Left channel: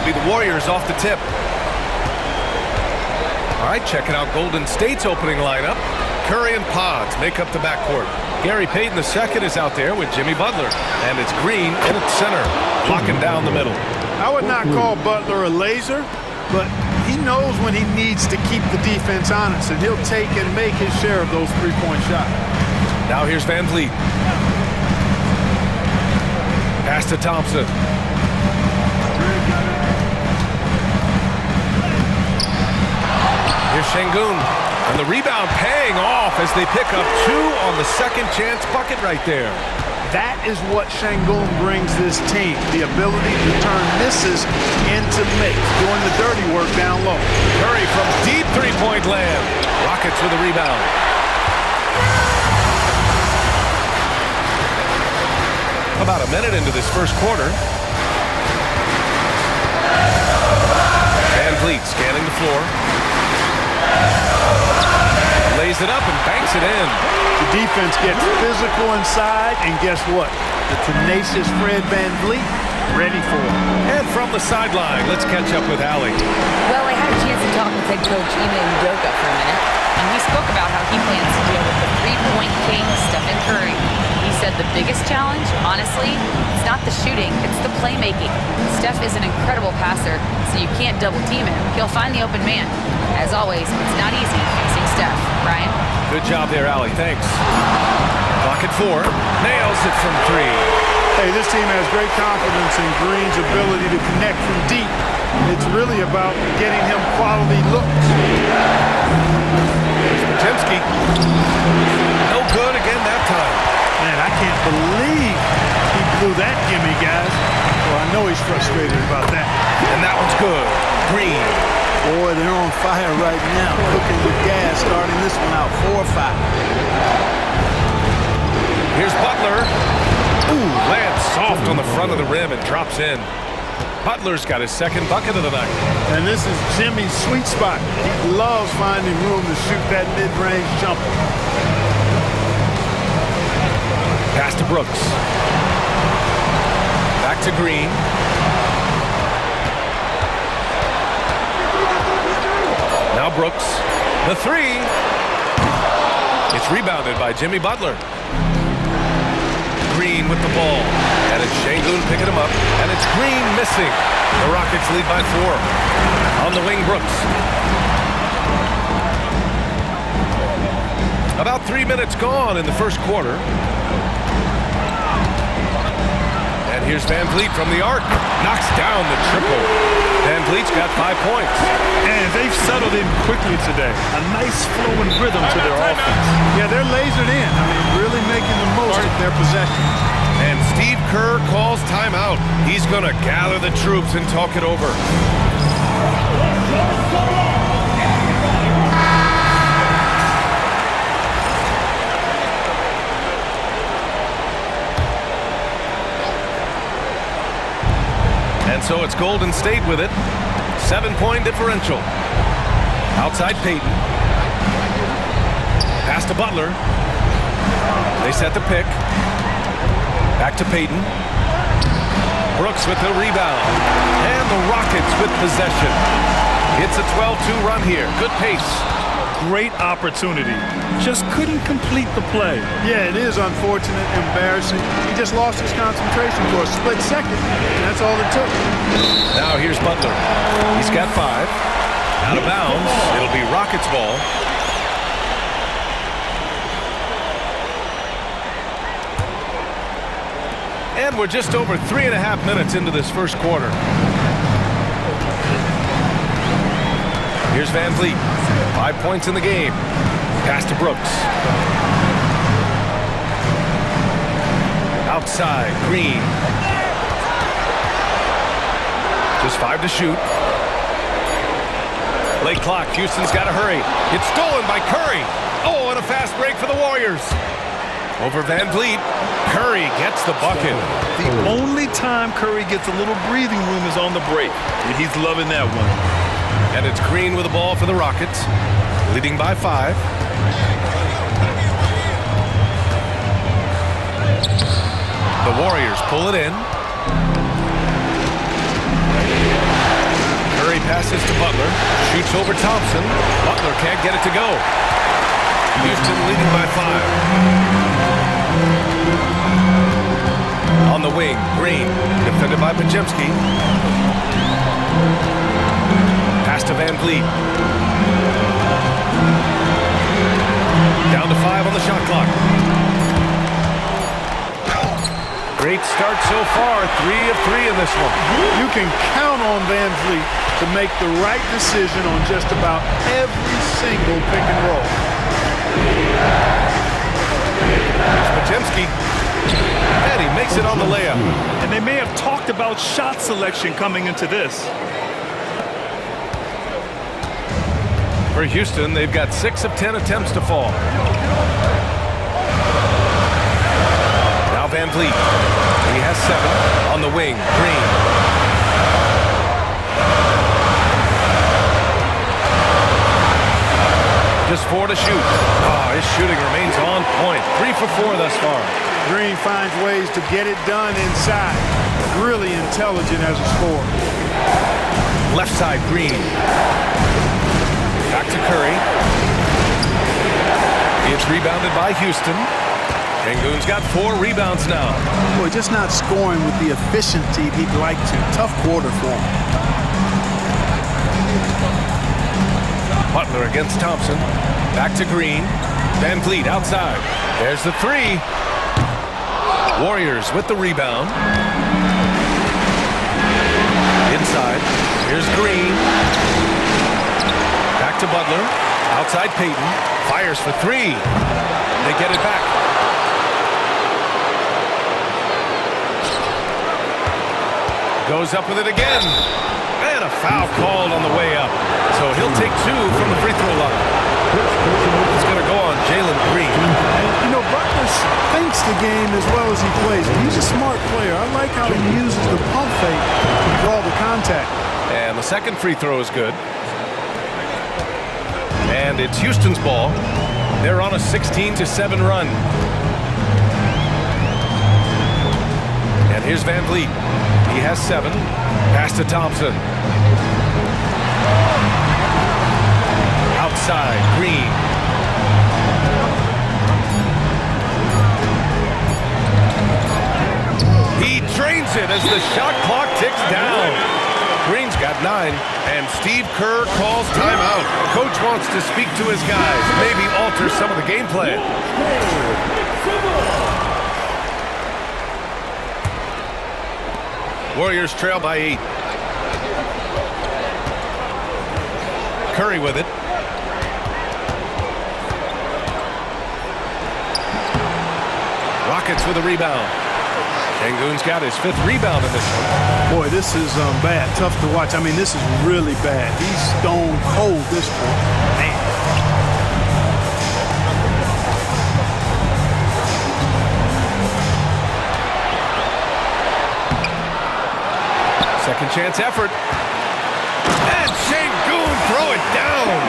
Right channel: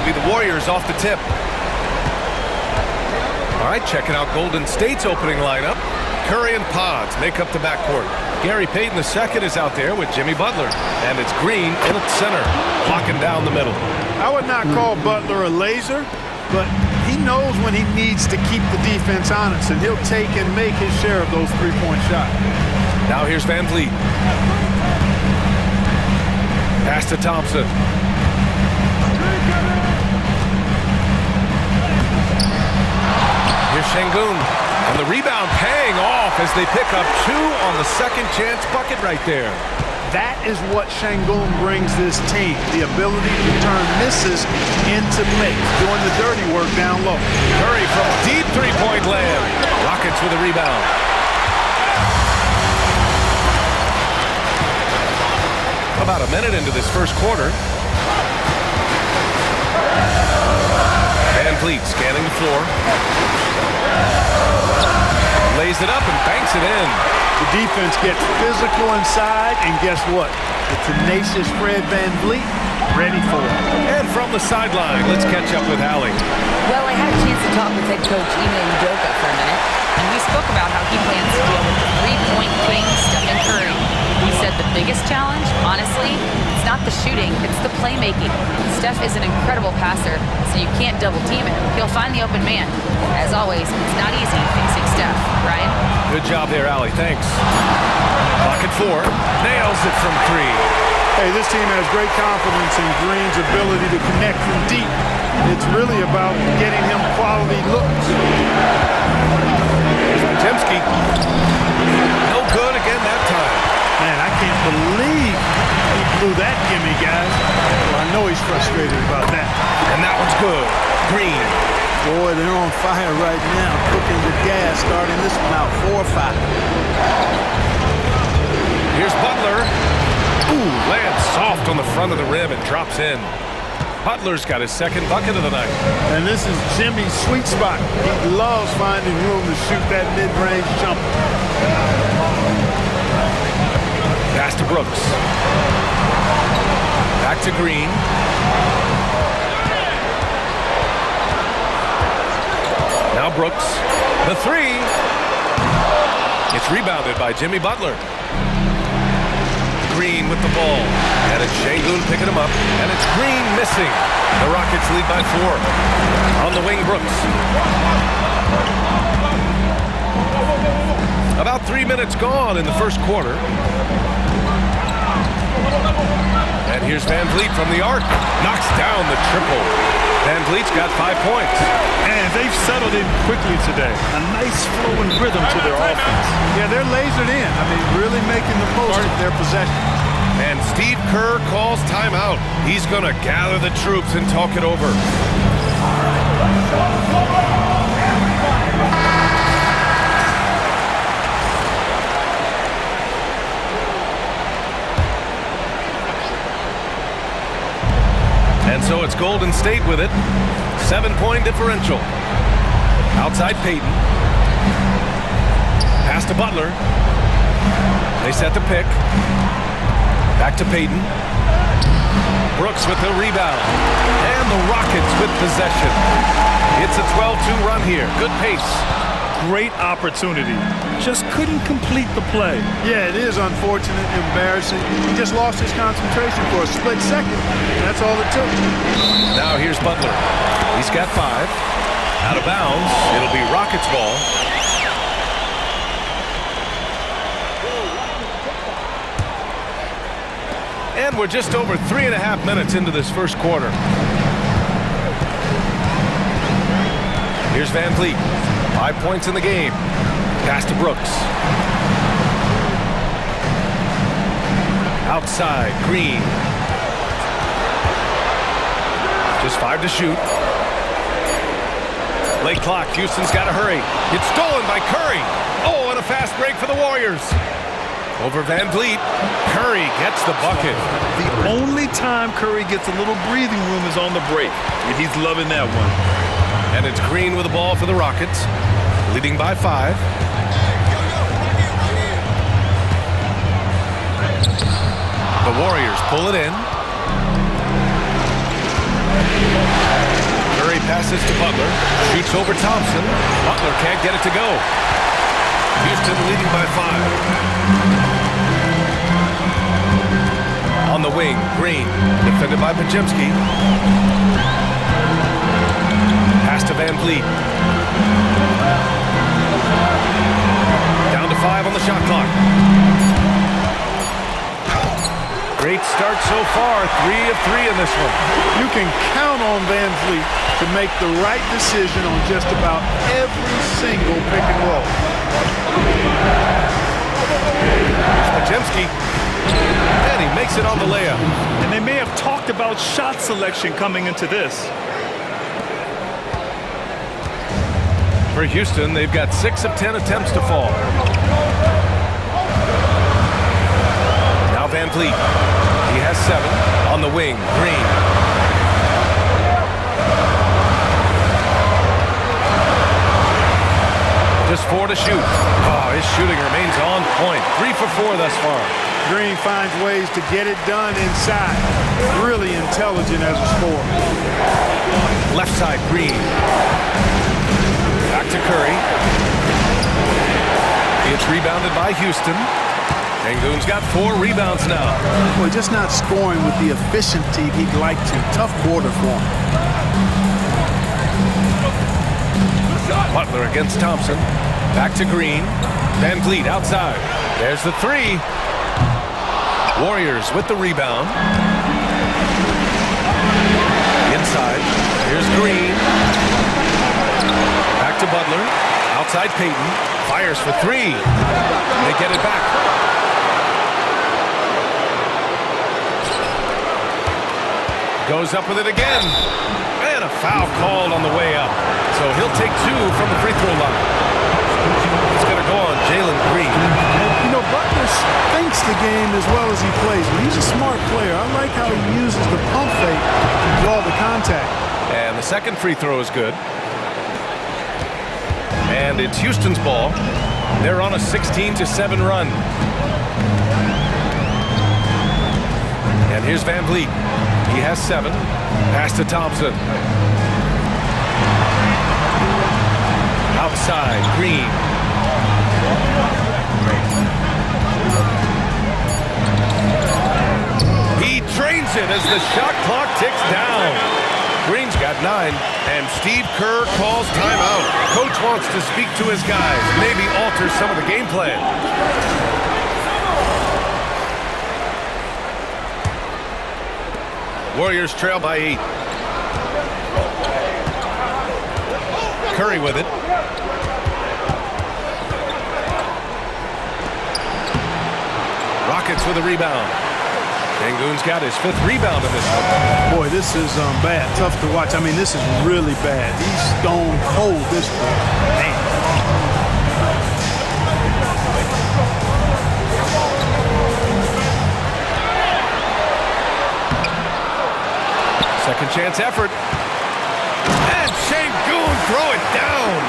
It'll be the Warriors off the tip. All right, checking out Golden State's opening lineup. Curry and Pods make up the backcourt. Gary Payton II is out there with Jimmy Butler. And it's Green in at center, blocking down the middle. I would not call Butler a laser, but he knows when he needs to keep the defense honest, and he'll take and make his share of those three-point shots. Now here's Van Vliet. Pass to Thompson. Here's Şengün. And the rebound paying off as they pick up 2 on the second chance bucket right there. That is what Şengün brings this team, the ability to turn misses into makes, doing the dirty work down low. Curry from deep three-point land. Rockets with a rebound. About a minute into this first quarter. Van Vliet scanning the floor. Lays it up and banks it in. The defense gets physical inside, and guess what? The tenacious Fred Van Vliet ready for it. And from the sideline, let's catch up with Allie. Well, I had a chance to talk with head coach Ime Udoka for a minute, and we spoke about how he plans to deal with the three-point king, Stephen Curry. He said the biggest challenge, honestly, it's not the shooting, it's the playmaking. Steph is an incredible passer, so you can't double-team him. He'll find the open man. As always, it's not easy facing Steph. Brian? Good job there, Allie. Thanks. Clock at 4. Nails it from 3. Hey, this team has great confidence in Green's ability to connect from deep. It's really about getting him quality looks. Here's Potemski. No good again that time. Man, I can't believe he blew that gimme, guys. Well, I know he's frustrated about that. And that one's good. Green. Boy, they're on fire right now, cooking with gas, starting this one out 4-5. Here's Butler. Ooh, lands soft on the front of the rim and drops in. Butler's got his second bucket of the night. And this is Jimmy's sweet spot. He loves finding room to shoot that mid-range jumper. Pass to Brooks. Back to Green. Now Brooks. The 3. It's rebounded by Jimmy Butler. Green with the ball. And it's Şengün picking him up. And it's Green missing. The Rockets lead by 4. On the wing, Brooks. About 3 minutes gone in the first quarter. And here's Van Vliet from the arc. Knocks down the triple. Van Vliet's got 5 points. And they've settled in quickly today. A nice flow and rhythm to their offense. Yeah, they're lasered in. I mean, really making the most of their possessions. And Steve Kerr calls timeout. He's going to gather the troops and talk it over. And so it's Golden State with it. 7-point differential. Outside Payton. Pass to Butler. They set the pick. Back to Payton. Brooks with the rebound. And the Rockets with possession. It's a 12-2 run here. Good pace. Great opportunity. Just couldn't complete the play. Yeah, it is unfortunate, embarrassing. He just lost his concentration for a split second. And that's all it took. Now here's Butler. He's got 5. Out of bounds. It'll be Rockets ball. And we're just over 3.5 minutes into this first quarter. Here's Van Vliet. 5 points in the game. Pass to Brooks. Outside, Green. Just 5 to shoot. Late clock. Houston's got to hurry. It's stolen by Curry. Oh, and a fast break for the Warriors. Over Van Vliet. Curry gets the bucket. The only time Curry gets a little breathing room is on the break, and he's loving that one. And it's Green with the ball for the Rockets, leading by 5. The Warriors pull it in. Curry passes to Butler. Shoots over Thompson. Butler can't get it to go. Houston leading by 5. On the wing, Green. Defended by Podziemski. Pass to Van Vliet. Down to 5 on the shot clock. Great start so far. 3 of 3 in this one. You can count on Van Vliet to make the right decision on just about every single pick and roll. Here's Podziemski. And he makes it on the layup. And they may have talked about shot selection coming into this. For Houston, they've got 6 of 10 attempts to fall. Now Van Vliet. He has 7. On the wing, Green. Just 4 to shoot. Oh, his shooting remains on point. 3 for 4 thus far. Green finds ways to get it done inside. Really intelligent as a scorer. Left side, Green. Back to Curry. It's rebounded by Houston. Sengun's got 4 rebounds now. Boy, just not scoring with the efficiency he'd like to. Tough quarter for him. Butler against Thompson. Back to Green. Van Vliet outside. There's the 3. Warriors with the rebound. Inside. Here's Green. Back to Butler. Outside Payton. Fires for 3. They get it back. Goes up with it again. And a foul called on the way up. So he'll take 2 from the free throw line. It's going to go on Jalen Green. And, you know, Butler thinks the game as well as he plays. And he's a smart player. I like how he uses the pump fake to draw the contact. And the second free throw is good. And it's Houston's ball. They're on a 16-7 run. And here's Van Vliet. He has 7. Pass to Thompson. Outside, Green. He drains it as the shot clock ticks down. Green's got 9, and Steve Kerr calls timeout. Coach wants to speak to his guys, maybe alter some of the game plan. Warriors trail by 8. Curry with it. Rockets with a rebound. Sengun's got his 5th rebound in this one. Boy, this is bad. Tough to watch. I mean, this is really bad. He's stone cold this quarter. Man. Second chance effort. And Sengun throw it down.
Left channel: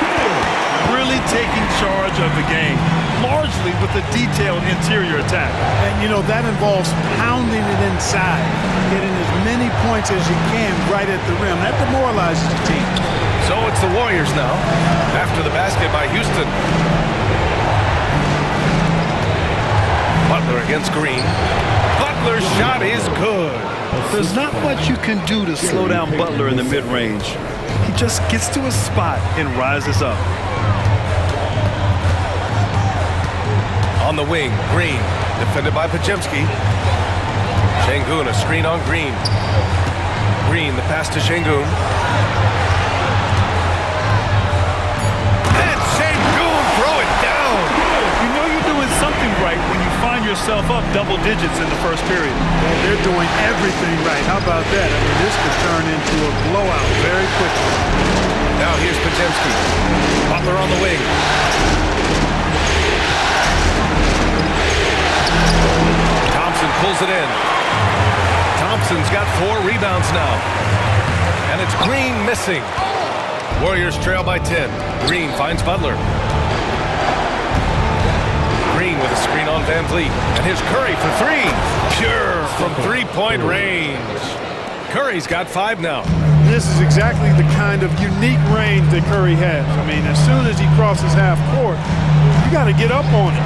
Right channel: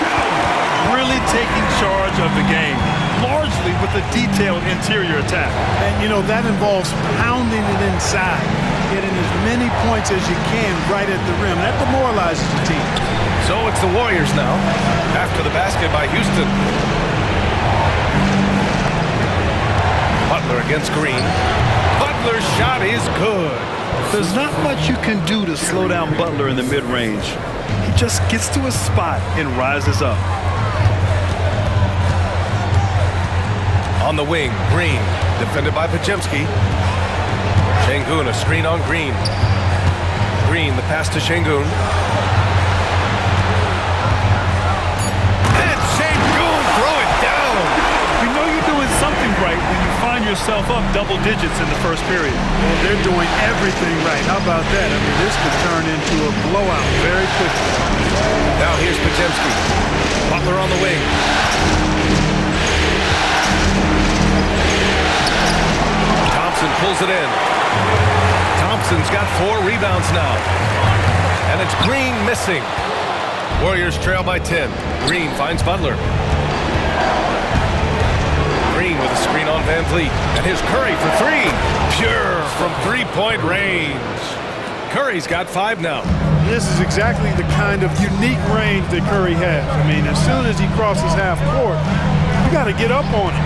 Really taking charge of the game, largely with a detailed interior attack. And, you know, that involves pounding it inside, getting as many points as you can right at the rim. That demoralizes the team. So it's the Warriors now, after the basket by Houston. Butler against Green. Butler's shot is good. There's not much you can do to slow down Butler in the mid-range. He just gets to a spot and rises up. On the wing, Green, defended by Podziemski. Sengun, a screen on Green. Green, the pass to Sengun. And Sengun, throw it down. You know you're doing something right when you find yourself up double digits in the first period. Well, they're doing everything right. How about that? I mean, this could turn into a blowout very quickly. Now here's Podziemski. Butler on the wing. Thompson pulls it in. Thompson's got 4 rebounds now. And it's Green missing. Warriors trail by 10. Green finds Butler. Green with a screen on Van Vliet. And here's Curry for 3. Pure from 3-point range. Curry's got 5 now. this is exactly the kind of unique range that Curry has. I mean, as soon as he crosses half court, you got to get up on it.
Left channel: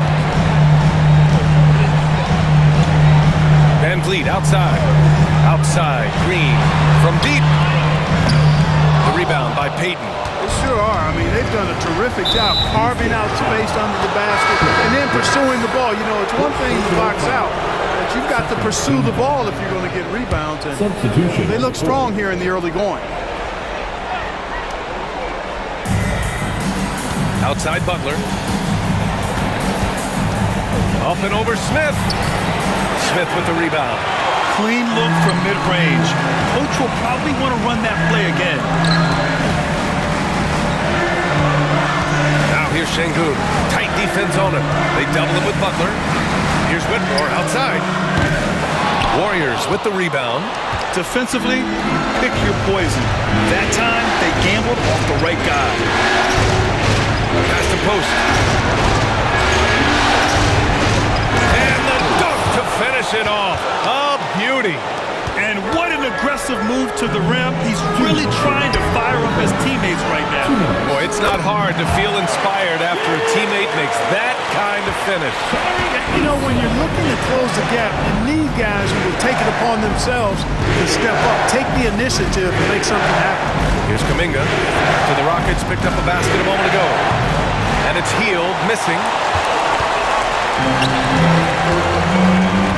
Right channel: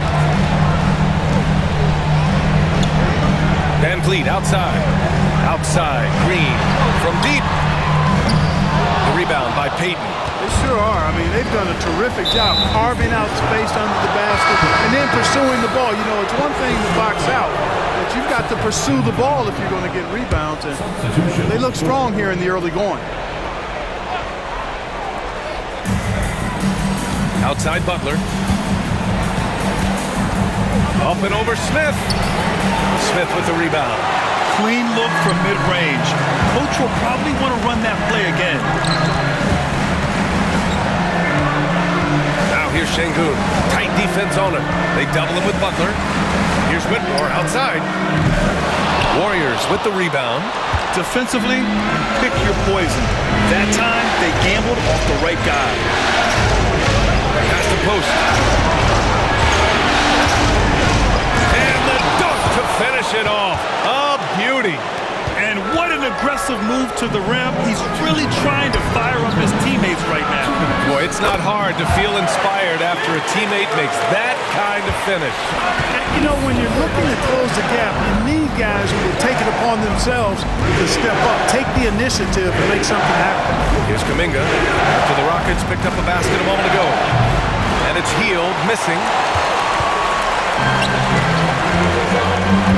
Van Vliet outside. Outside. Green from deep. The rebound by Payton. They sure are. I mean, they've done a terrific job carving out space under the basket and then pursuing the ball. You know, it's one thing to box out, but you've got to pursue the ball if you're going to get rebounds. And they look strong here in the early going. Outside Butler. Up and over Smith. Smith with the rebound. Clean look from mid-range. Coach will probably want to run that play again. Now here's Şengün. Tight defense on him. They double him with Butler. Here's Whitmore outside. Warriors with the rebound. Defensively, pick your poison. That time, they gambled off the right guy. Past the post. And the dunk to finish it off. A beauty. And what an aggressive move to the rim. He's really trying to fire up his teammates right now. Boy, it's not hard to feel inspired after a teammate makes that kind of finish. You know, when you're looking to close the gap, you need guys who will take it upon themselves to step up, take the initiative and make something happen. Here's Kuminga after the Rockets picked up a basket a moment ago. And it's Hield missing.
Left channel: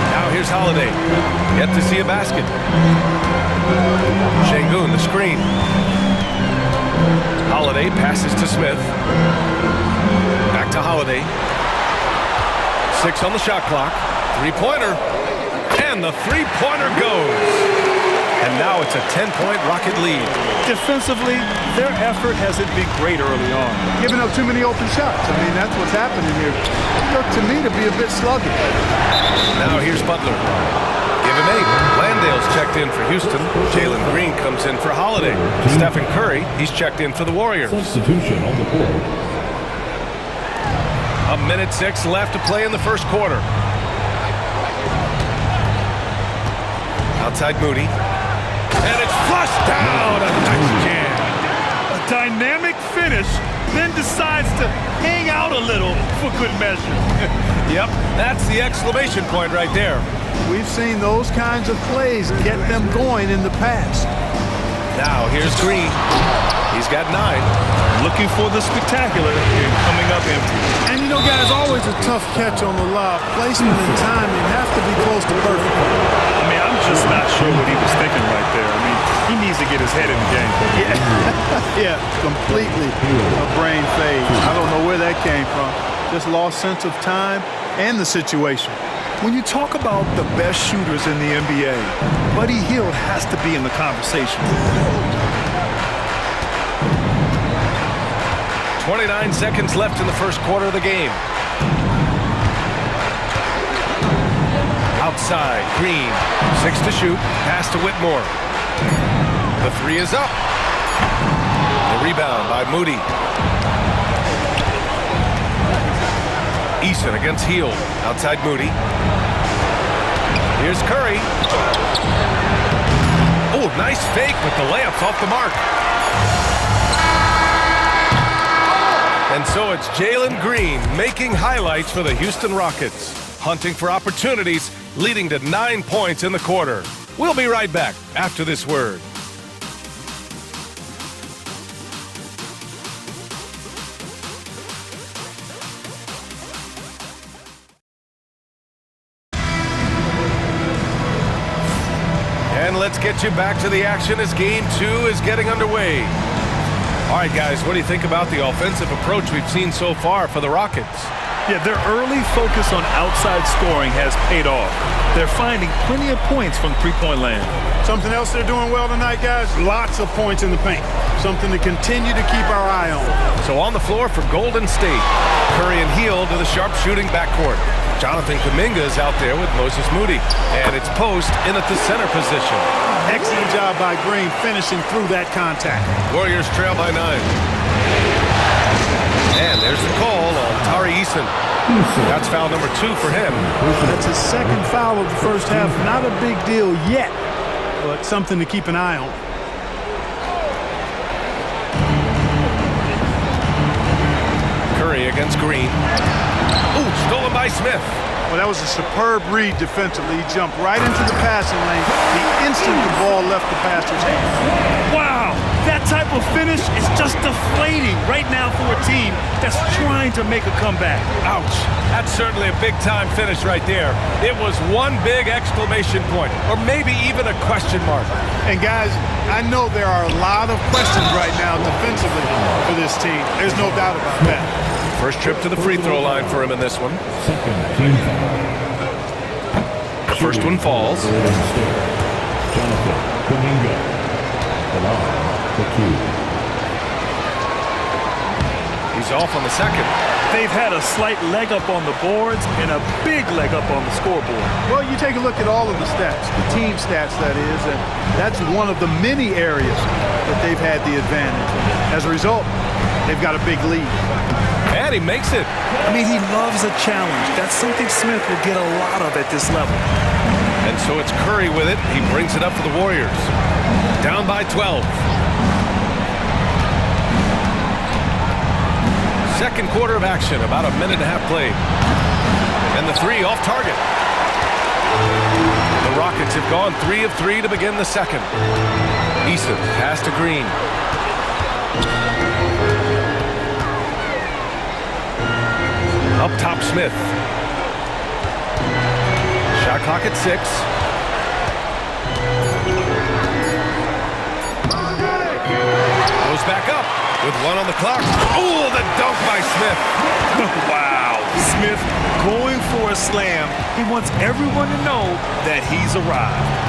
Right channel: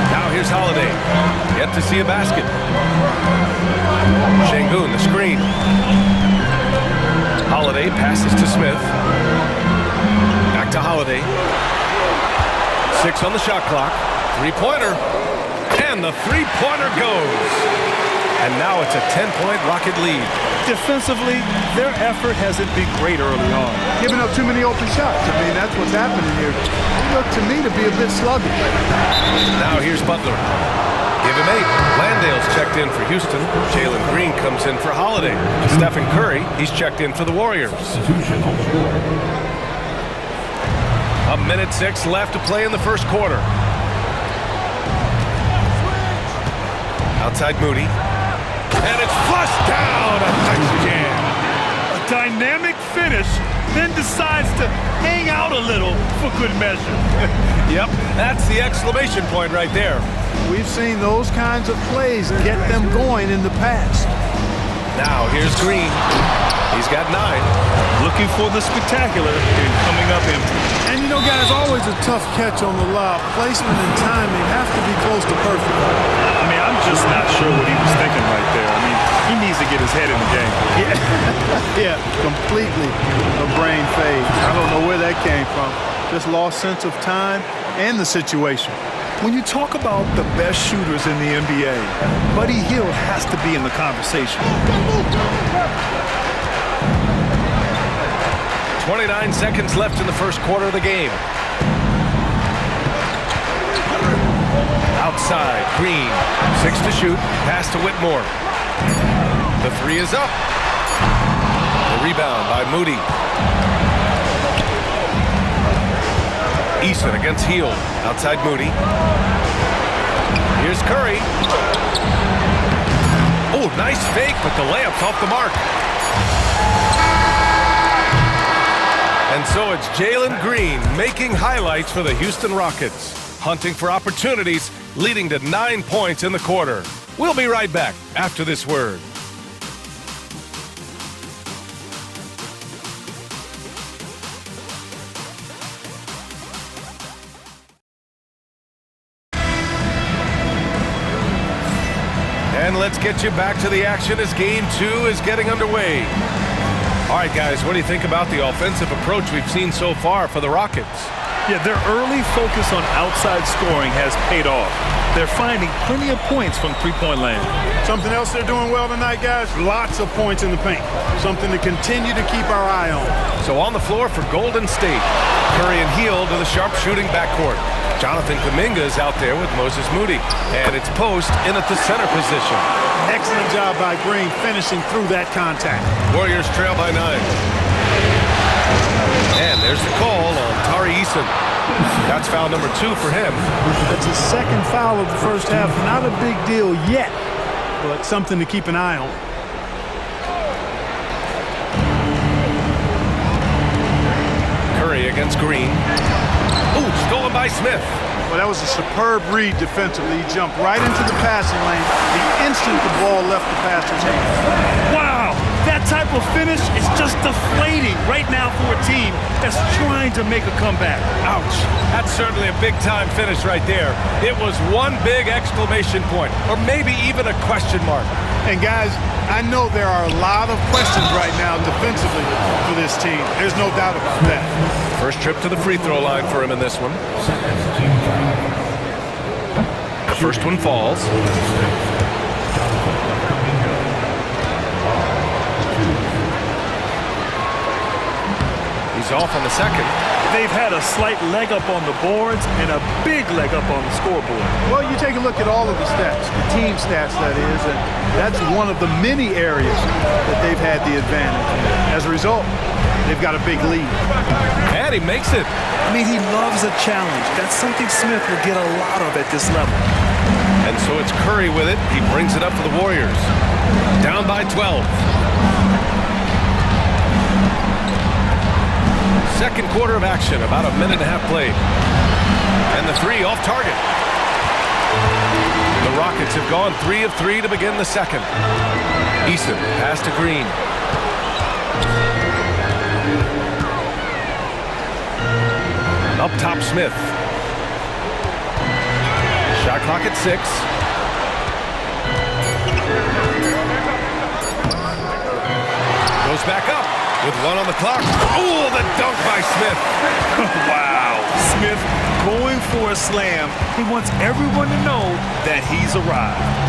Now here's Holiday. Yet to see a basket. Şengün, the screen. Holiday passes to Smith. Back to Holiday. 6 on the shot clock. Three-pointer. And the three-pointer goes. And now it's a 10-point Rocket lead. Defensively, their effort hasn't been great early on. Giving up too many open shots. I mean, that's what's happening here. They look to me to be a bit sluggish. Now here's Butler. Give him 8. Landale's checked in for Houston. Jalen Green comes in for Holiday. Stephen Curry, he's checked in for the Warriors. Substitution on the court. 1:06 left to play in the first quarter. Outside Moody. And it's flushed down. A nice jam. A dynamic finish, then decides to hang out a little for good measure. Yep, that's the exclamation point right there. We've seen those kinds of plays get them going in the past. Now here's Green. He's got 9. Looking for the spectacular and coming up empty. And you know, guys, always a tough catch on the lob. Placement and timing have to be close to perfect. I mean, I'm just not sure what he was thinking right there. I mean, he needs to get his head in the game. Yeah, completely a brain fade. I don't know where that came from. Just lost sense of time and the situation. When you talk about the best shooters in the NBA, Buddy Hield has to be in the conversation. 29 seconds left in the first quarter of the game. Outside, Green. 6 to shoot. Pass to Whitmore. The 3 is up. The rebound by Moody. Eason against Hield. Outside Moody. Here's Curry. Oh, nice fake, but the layup's off the mark. And so it's Jalen Green making highlights for the Houston Rockets, hunting for opportunities, leading to 9 points in the quarter. We'll be right back after this word. And let's get you back to the action as Game 2 is getting underway. All right, guys, what do you think about the offensive approach we've seen so far for the Rockets? Yeah, their early focus on outside scoring has paid off. They're finding plenty of points from three-point land. Something else they're doing well tonight, guys? Lots of points in the paint. Something to continue to keep our eye on. So on the floor for Golden State, Curry and Hield to the sharp-shooting backcourt. Jonathan Kuminga is out there with Moses Moody. And it's Post in at the center position. Excellent job by Green finishing through that contact. Warriors trail by 9. And there's the call on Tari Eason. That's foul number 2 for him. That's his second foul of the first half. Not a big deal yet, but something to keep an eye on. Curry against Green. Ooh, stolen by Smith. Well, that was a superb read defensively. He jumped right into the passing lane the instant the ball left the passer's hand. Wow, that type of finish is just deflating right now for a team that's trying to make a comeback. Ouch. That's certainly a big-time finish right there. It was one big exclamation point, or maybe even a question mark. And guys, I know there are a lot of questions right now defensively for this team. There's no doubt about that. First trip to the free throw line for him in this one. The first one falls. He's off on the second. They've had a slight leg up on the boards and a big leg up on the scoreboard. Well, you take a look at all of the stats, the team stats that is, and that's one of the many areas that they've had the advantage. And as a result, they've got a big lead. And he makes it. I mean, he loves a challenge. That's something Smith will get a lot of at this level. And so it's Curry with it. He brings it up for the Warriors. Down by 12. Second quarter of action, about a minute and a half played. And the three off target. The Rockets have gone 3 of 3 to begin the second. Eason pass to Green. Up top, Smith. Shot clock at 6. Goes back up with 1 on the clock. Oh, the dunk by Smith. Wow. Smith going for a slam. He wants everyone to know that he's arrived.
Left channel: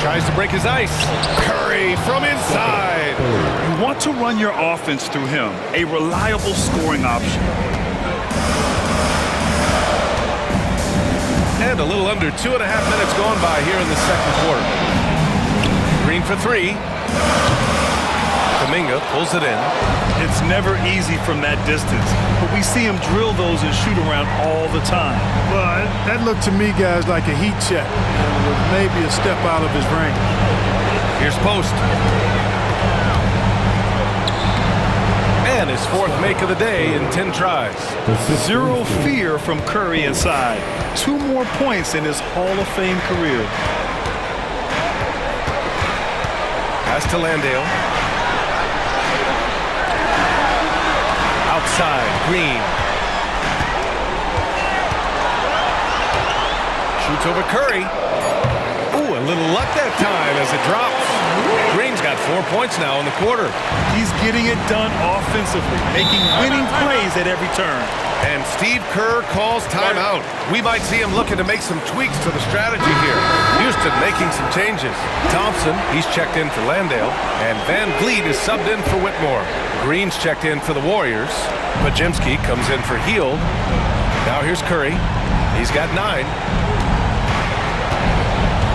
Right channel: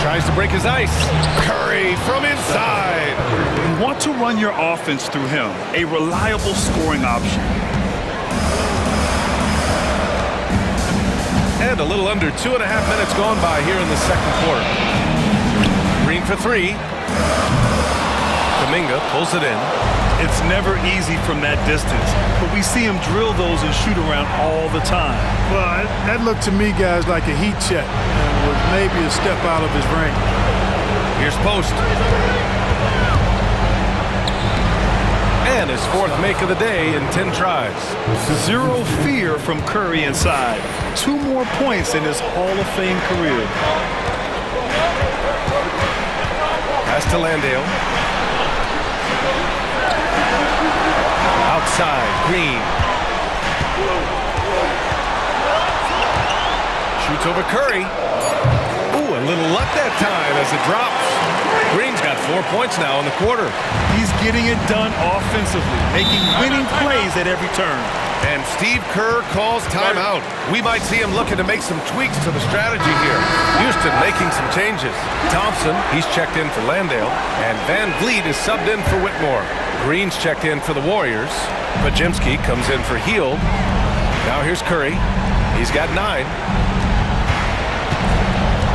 Tries to break his ice. Curry from inside. You want to run your offense through him, a reliable scoring option. And a little under 2.5 minutes gone by here in the second quarter. Green for 3. Kuminga pulls it in. It's never easy from that distance, but we see him drill those and shoot around all the time. Well, that looked to me, guys, like a heat check, and was maybe a step out of his range. Here's Post. And his 4th make of the day in 10 tries. Zero fear from Curry inside. 2 more points in his Hall of Fame career. Pass to Landale. Outside, Green. Shoots over Curry. Ooh, a little luck that time as it drops. Green's got 4 points now in the quarter. He's getting it done offensively, making winning plays at every turn. And Steve Kerr calls timeout. We might see him looking to make some tweaks to the strategy here. Houston making some changes. Thompson, he's checked in for Landale. And Van Vliet is subbed in for Whitmore. Green's checked in for the Warriors. Pajemski comes in for Hield. Now here's Curry. He's got 9.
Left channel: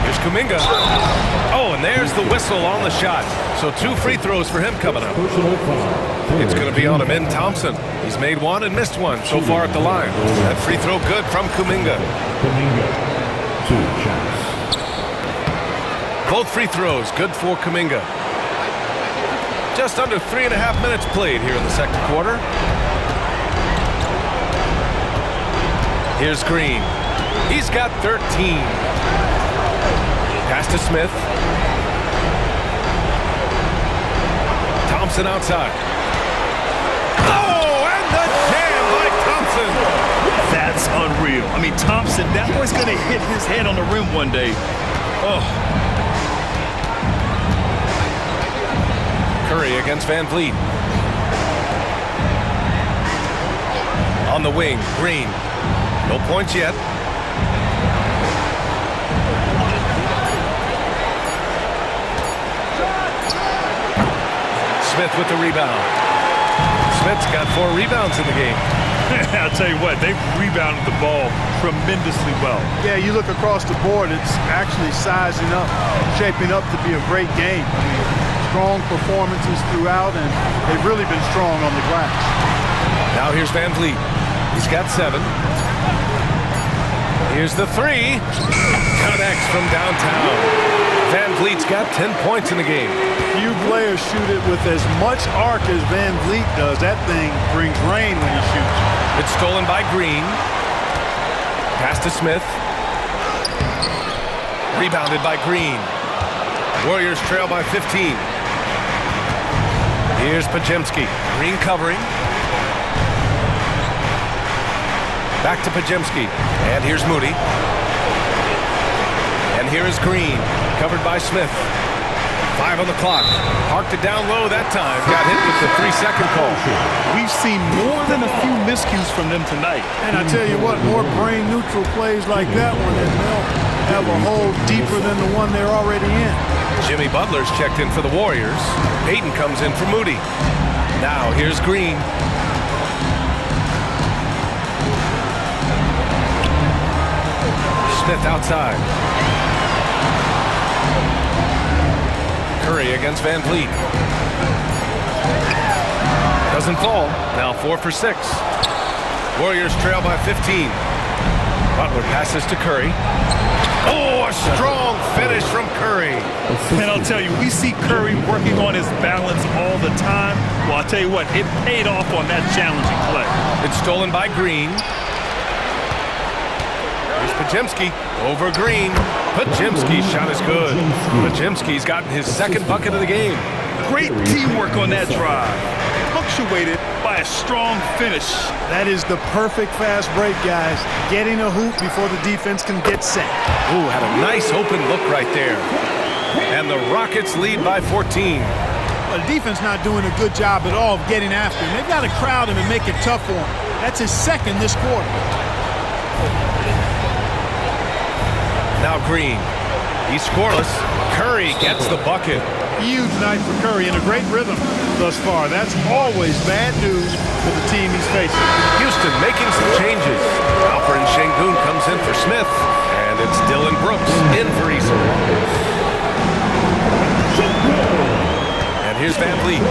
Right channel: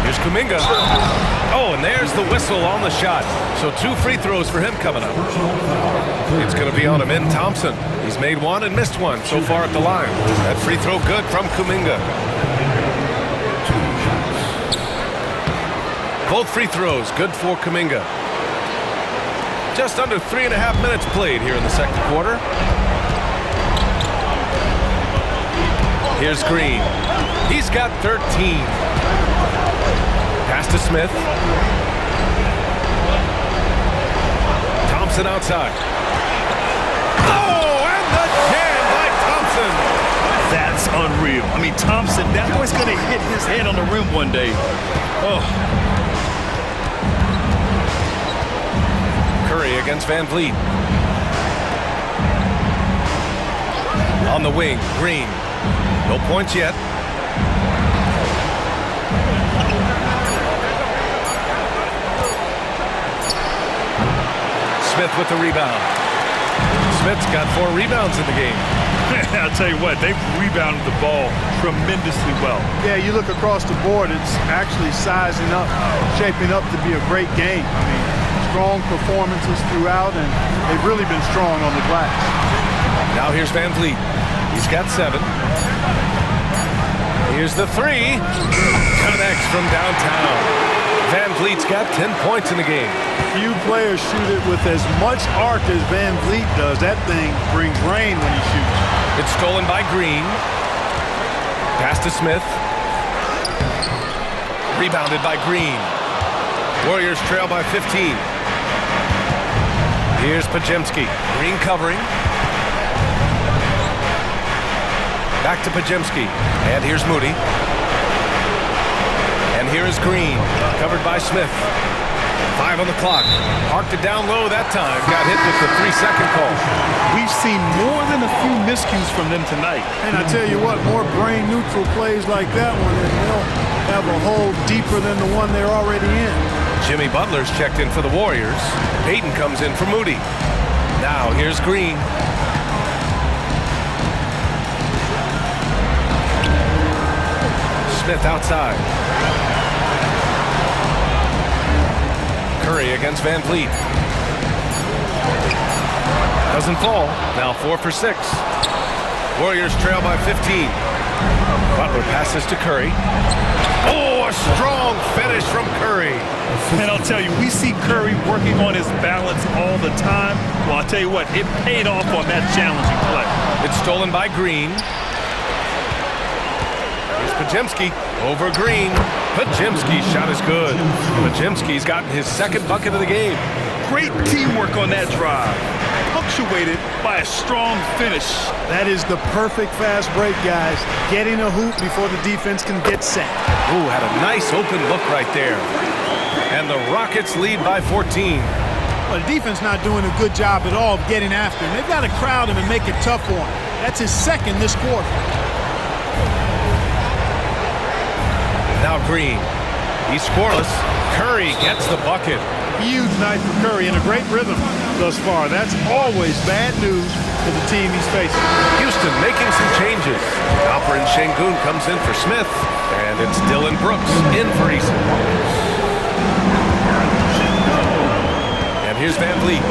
Here's Kuminga. Oh, and there's the whistle on the shot. So 2 free throws for him coming up. It's going to be on Amin Thompson. He's made 1 and missed 1 so far at the line. That free throw good from Kuminga. Both free throws good for Kuminga. Just under 3.5 minutes played here in the second quarter. Here's Green. He's got 13. Pass to Smith. Thompson outside. Oh, and the jam by Thompson. That's unreal. I mean, Thompson, that boy's going to hit his head on the rim one day. Oh. Curry against Van Vliet. On the wing, Green. No points yet. Smith with the rebound. Smith's got 4 rebounds in the game. I'll tell you what, they've rebounded the ball tremendously well. Yeah, you look across the board, it's actually sizing up, shaping up to be a great game. I mean, strong performances throughout, and they've really been strong on the glass. Now here's Van Vliet. He's got 7. Here's the 3. Connects from downtown. Van Vliet's got 10 points in the game. Few players shoot it with as much arc as Van Vliet does. That thing brings rain when he shoots. It's stolen by Green. Pass to Smith. Rebounded by Green. Warriors trail by 15. Here's Podziemski. Green covering. Back to Podziemski. And here's Moody. And here is Green. Covered by Smith. 5 on the clock. Parked it down low that time. Got hit with the 3-second call. We've seen more than a few miscues from them tonight. And I tell you what, more brain-neutral plays like that one, and they'll have a hole deeper than the one they're already in. Jimmy Butler's checked in for the Warriors. Payton comes in for Moody. Now here's Green. Smith outside. Curry against Van Vliet. Doesn't fall. Now 4 for 6. Warriors trail by 15. Butler passes to Curry. Oh, a strong finish from Curry. And I'll tell you, we see Curry working on his balance all the time. Well, I'll tell you what, it paid off on that challenging play. It's stolen by Green. Here's Podziemski over Green. Podziemski's shot is good. Podziemski's gotten his second bucket of the game. Great teamwork on that drive, punctuated by a strong finish. That is the perfect fast break, guys. Getting a hoop before the defense can get set. Ooh, had a nice open look right there. And the Rockets lead by 14. Well, the defense not doing a good job at all of getting after him. They've got to crowd him and make it tough for him. That's his second this quarter. Now Green. He's scoreless. Curry gets the bucket. Huge night for Curry and a great rhythm thus far. That's always bad news for the team he's facing. Houston making some changes. Alperen Sengun comes in for Smith. And it's Dylan Brooks in for Eason. And here's Van Vliet.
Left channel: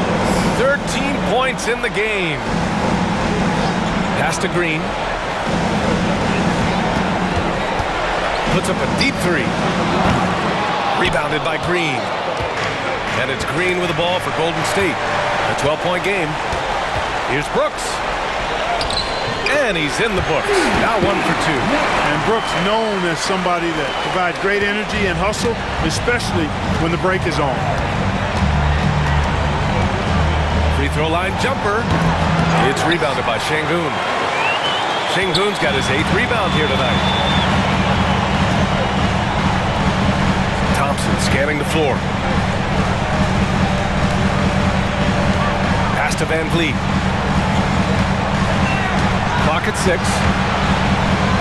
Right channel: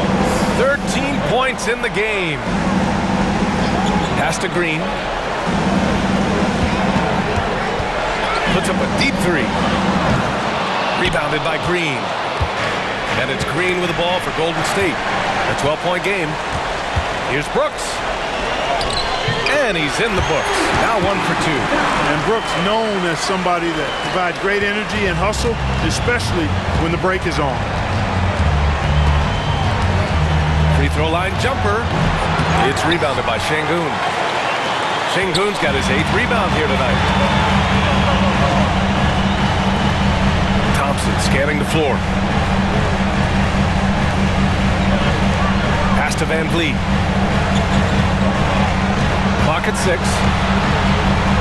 13 points in the game. Pass to Green. Puts up a deep three. Rebounded by Green. And it's Green with the ball for Golden State. A 12-point game. Here's Brooks. And he's in the books. Now 1 for 2. And Brooks known as somebody that provides great energy and hustle, especially when the break is on. Free throw line jumper. It's rebounded by Sengun. Sengun's got his 8th rebound here tonight. Thompson scanning the floor. Pass to Van Vliet. Clock at 6.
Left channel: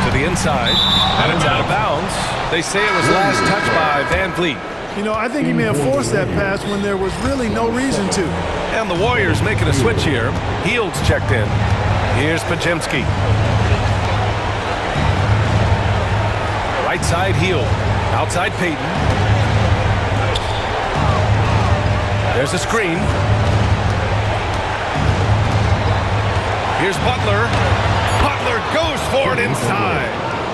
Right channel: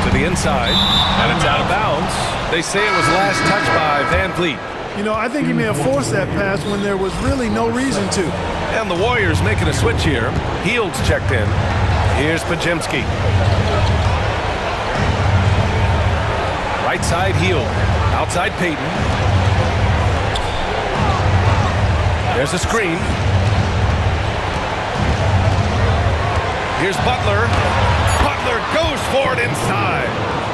To the inside. And it's out of bounds. They say it was last touched by Van Vliet. You know, I think he may have forced that pass when there was really no reason to. And the Warriors making a switch here. Hield's checked in. Here's Podziemski. Right side Hield. Outside Payton. There's a screen. Here's Butler. Butler goes for it inside.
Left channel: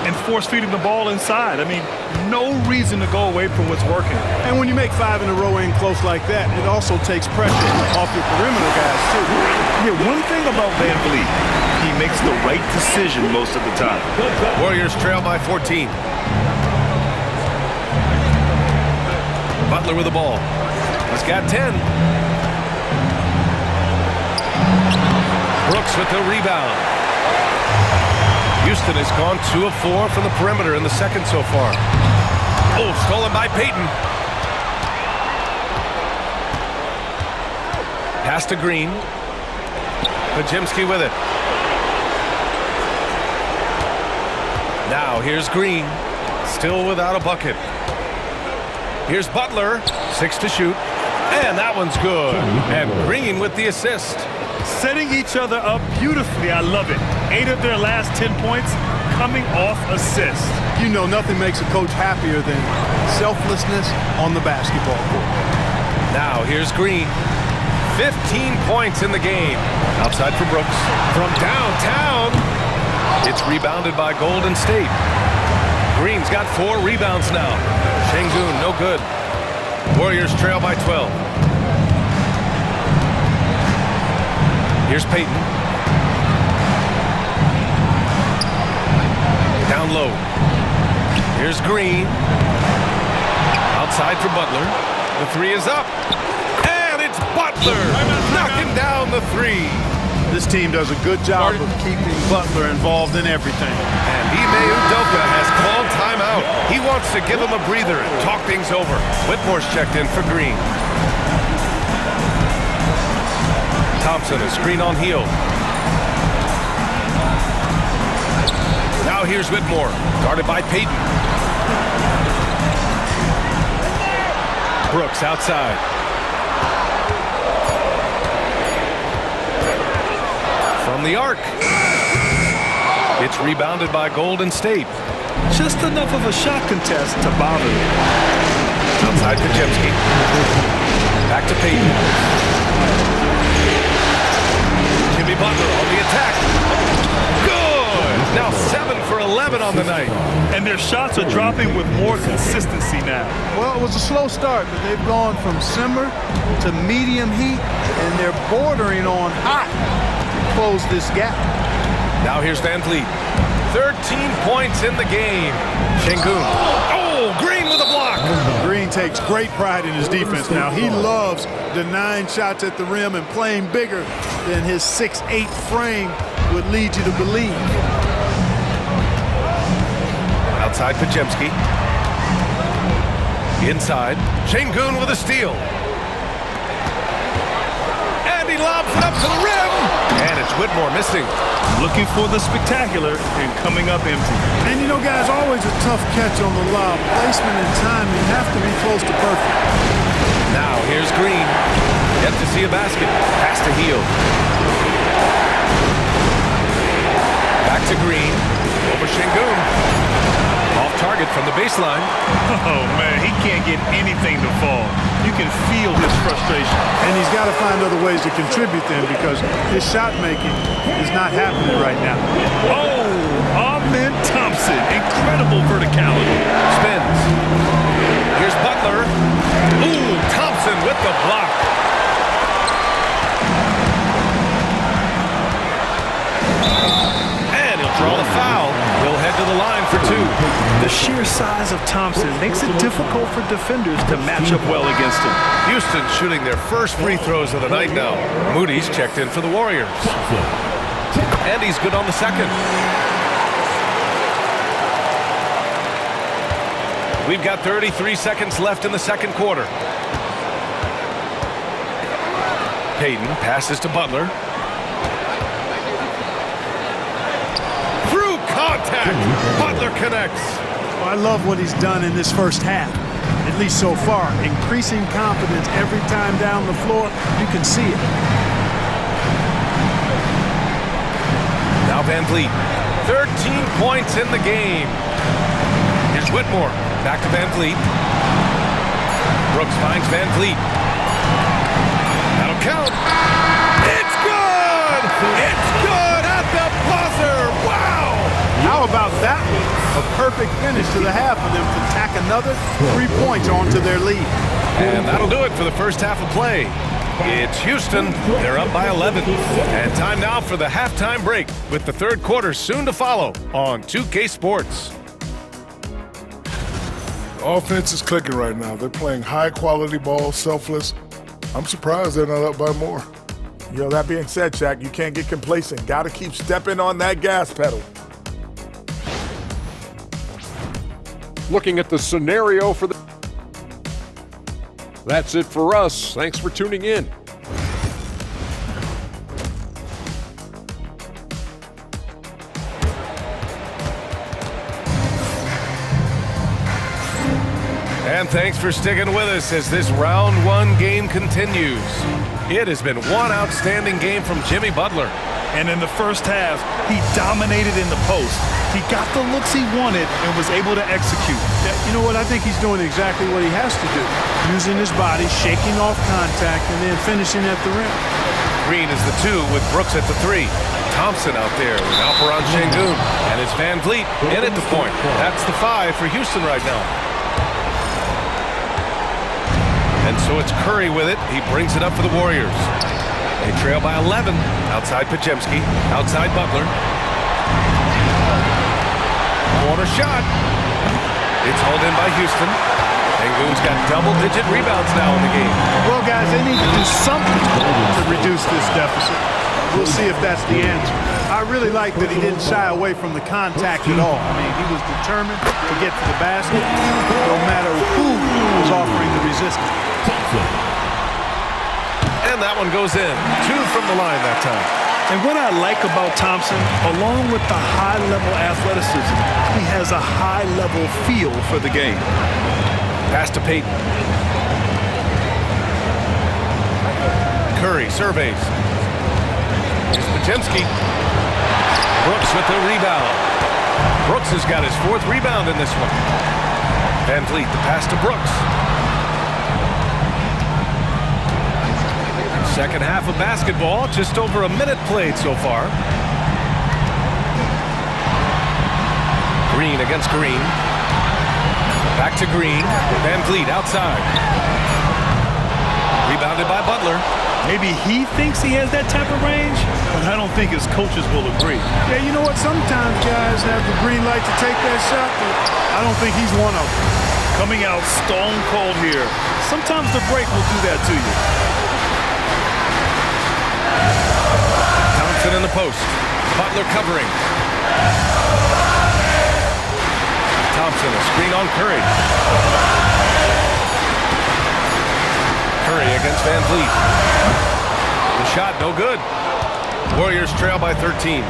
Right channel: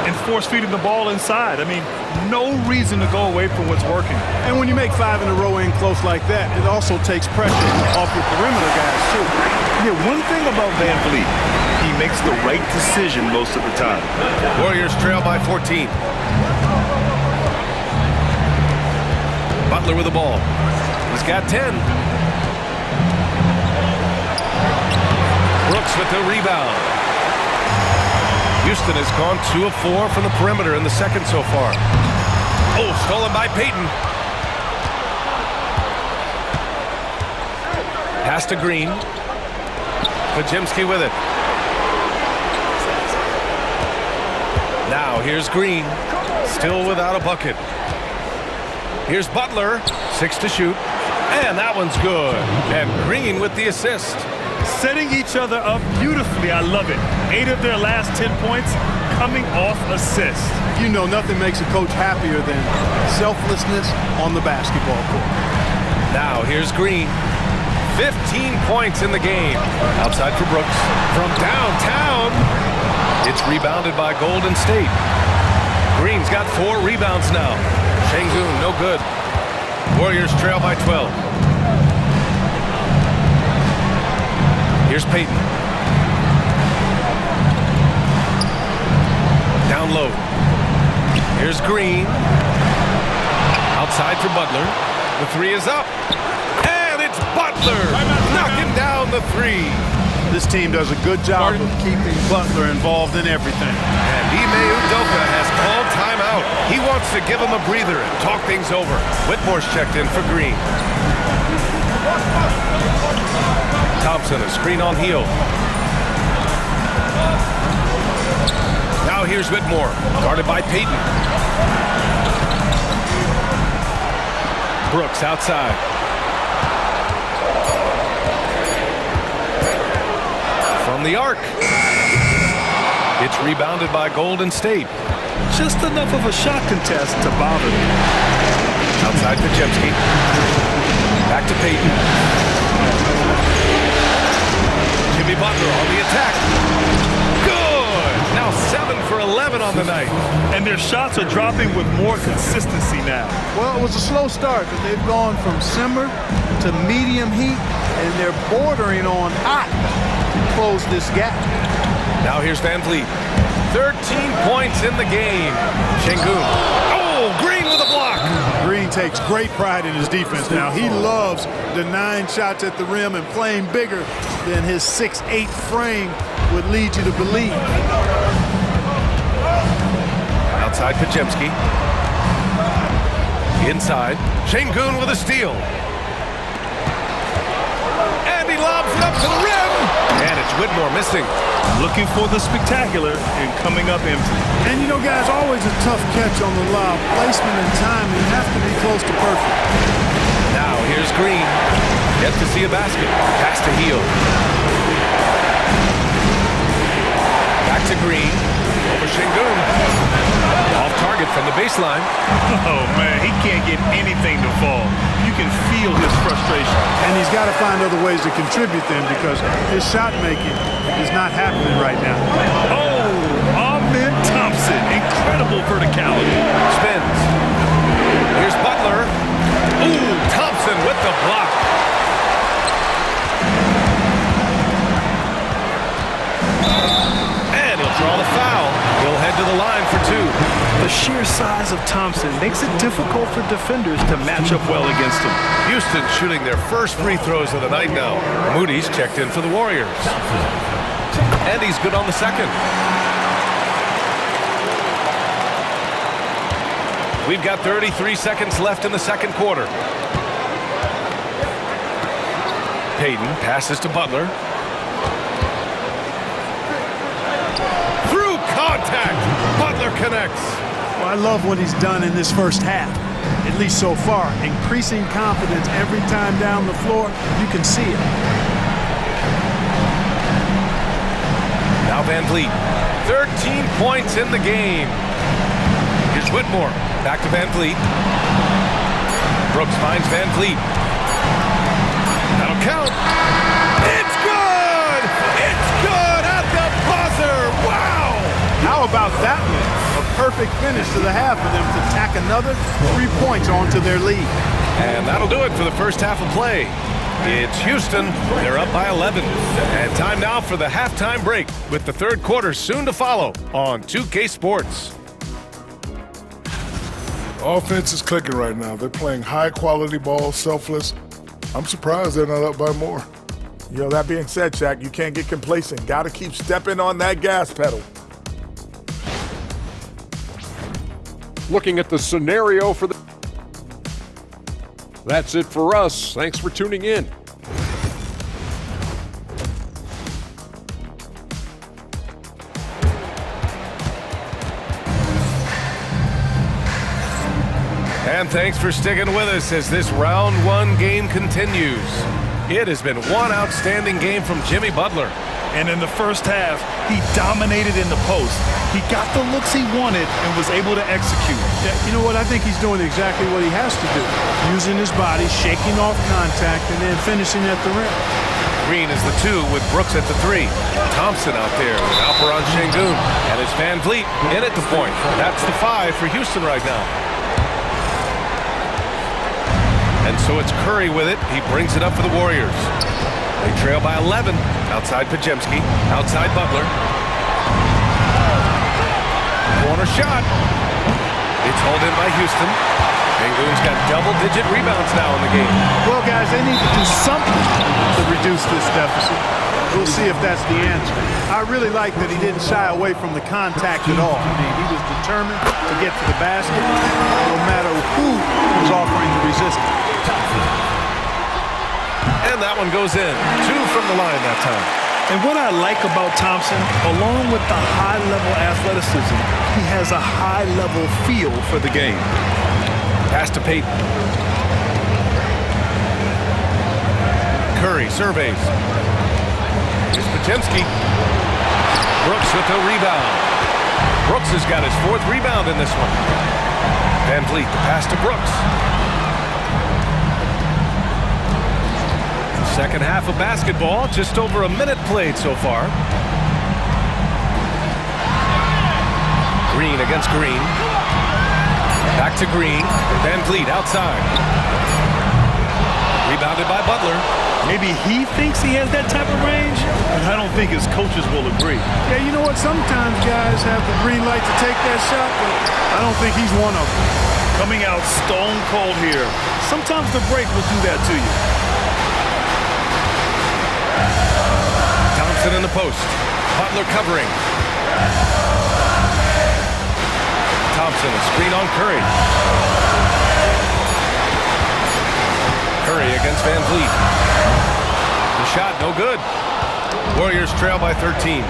And force-feeding the ball inside. I mean, no reason to go away from what's working. And when you make 5 in a row in close like that, it also takes pressure off your perimeter guys, too. Yeah, one thing about Van Vliet, he makes the right decision most of the time. Warriors trail by 14. Butler with the ball. He's got 10. Brooks with the rebound. Houston has gone 2 of 4 from the perimeter in the second so far. Oh, stolen by Payton. Pass to Green. Podziemski with it. Now here's Green. Still without a bucket. Here's Butler. 6 to shoot. And that one's good. And Green with the assist. Setting each other up beautifully. I love it. 8 of their last 10 points coming off assists. You know, nothing makes a coach happier than selflessness on the basketball court. Now here's Green. 15 points in the game. Outside for Brooks. From downtown. It's rebounded by Golden State. Green's got 4 rebounds now. Sengun, no good. Warriors trail by 12. Here's Payton. Down low. Here's Green. Outside for Butler. The three is up. And it's Butler knocking down the three. This team does a good job of keeping Butler involved in everything. And Ime Udoka has called timeout. He wants to give him a breather and talk things over. Whitmore's checked in for Green. Thompson, a screen on heel. Now here's Whitmore, guarded by Payton. Brooks outside. From the arc. It's rebounded by Golden State. Just enough of a shot contest to bother me. Outside Podziemski. Back to Payton. Jimmy Butler on the attack. Good! Now 7 for 11 on the night. And their shots are dropping with more consistency now. Well, it was a slow start, but they've gone from simmer to medium heat, and they're bordering on hot to close this gap. Now here's Van Vliet. 13 points in the game. Şengün. Oh, Green with a block. Green takes great pride in his defense now. He loves denying shots at the rim and playing bigger than his 6'8" frame would lead you to believe. Outside Podziemski. Inside. Şengün with a steal. And he lobs it up to the rim. And it's Whitmore missing. Looking for the spectacular and coming up empty. And you know, guys, always a tough catch on the lob. Placement and timing have to be close to perfect. Now here's Green. Yet to see a basket. Pass to Heel. Back to Green. Over Şengün. Off target from the baseline. Oh, man, he can't get anything to fall. You can feel his frustration. And he's got to find other ways to contribute then, because his shot making is not happening right now. Oh, Amen Thompson. Incredible verticality. Spins. Here's Butler. Ooh, Thompson with the block. And he'll draw the foul. He'll head to the line for two. The sheer size of Thompson makes it difficult for defenders to match up well against him. Houston shooting their first free throws of the night now. Moody's checked in for the Warriors. And he's good on the second. We've got 33 seconds left in the second quarter. Payton passes to Butler. Through contact, Butler connects. Well, I love what he's done in this first half, at least so far. Increasing confidence every time down the floor. You can see it. Now Van Vliet. 13 points in the game. Here's Whitmore. Back to Van Vliet. Brooks finds Van Vliet. That'll count. It's good! It's good at the buzzer! Wow! How about that one? A perfect finish to the half for them to tack another 3 points onto their lead. And that'll do it for the first half of play. It's Houston. They're up by 11. And time now for the halftime break, with the third quarter soon to follow on 2K Sports. Offense is clicking right now. They're playing high-quality ball, selfless. I'm surprised they're not up by more. Yo, that being said, Shaq, you can't get complacent. Got to keep stepping on that gas pedal. Looking at the scenario for the... That's it for us. Thanks for tuning in. And thanks for sticking with us as this round one game continues. It has been one outstanding game from Jimmy Butler. And in the first half, he dominated in the post. He got the looks he wanted and was able to execute. Yeah, you know what? I think he's doing exactly what he has to do. Using his body, shaking off contact, and then finishing at the rim. Green is the 2 with Brooks at the 3. Thompson out there with Alperen Şengün. And it's Van Vliet in at the point. That's the 5 for Houston right now. And so it's Curry with it. He brings it up for the Warriors. They trail by 11. Outside Podziemski. Outside Butler. Corner shot. It's hauled in by Houston. Sengun's got double-digit rebounds now in the game. Well, guys, they need to do something to reduce this deficit. We'll see if that's the answer. I really like that he didn't shy away from the contact at all. I mean, he was determined to get to the basket no matter who was offering the resistance. And that one goes in. 2 from the line that time. And what I like about Thompson, along with the high-level athleticism, he has a high-level feel for the game. Pass to Payton. Curry surveys. Here's Podziemski. Brooks with the rebound. Brooks has got his 4th rebound in this one. Van Vliet, the pass to Brooks. Second half of basketball, just over a minute played so far. Green against Green. Back to Green. Van Vliet outside. Rebounded by Butler. Maybe he thinks he has that type of range, but I don't think his coaches will agree. Yeah, you know what? Sometimes guys have the green light to take that shot, but I don't think he's one of them. Coming out stone cold here. Sometimes the break will do that to you. Thompson in the post. Butler covering. Thompson, a screen on Curry. Curry against Van Vliet. The shot, no good. Warriors trail by 13.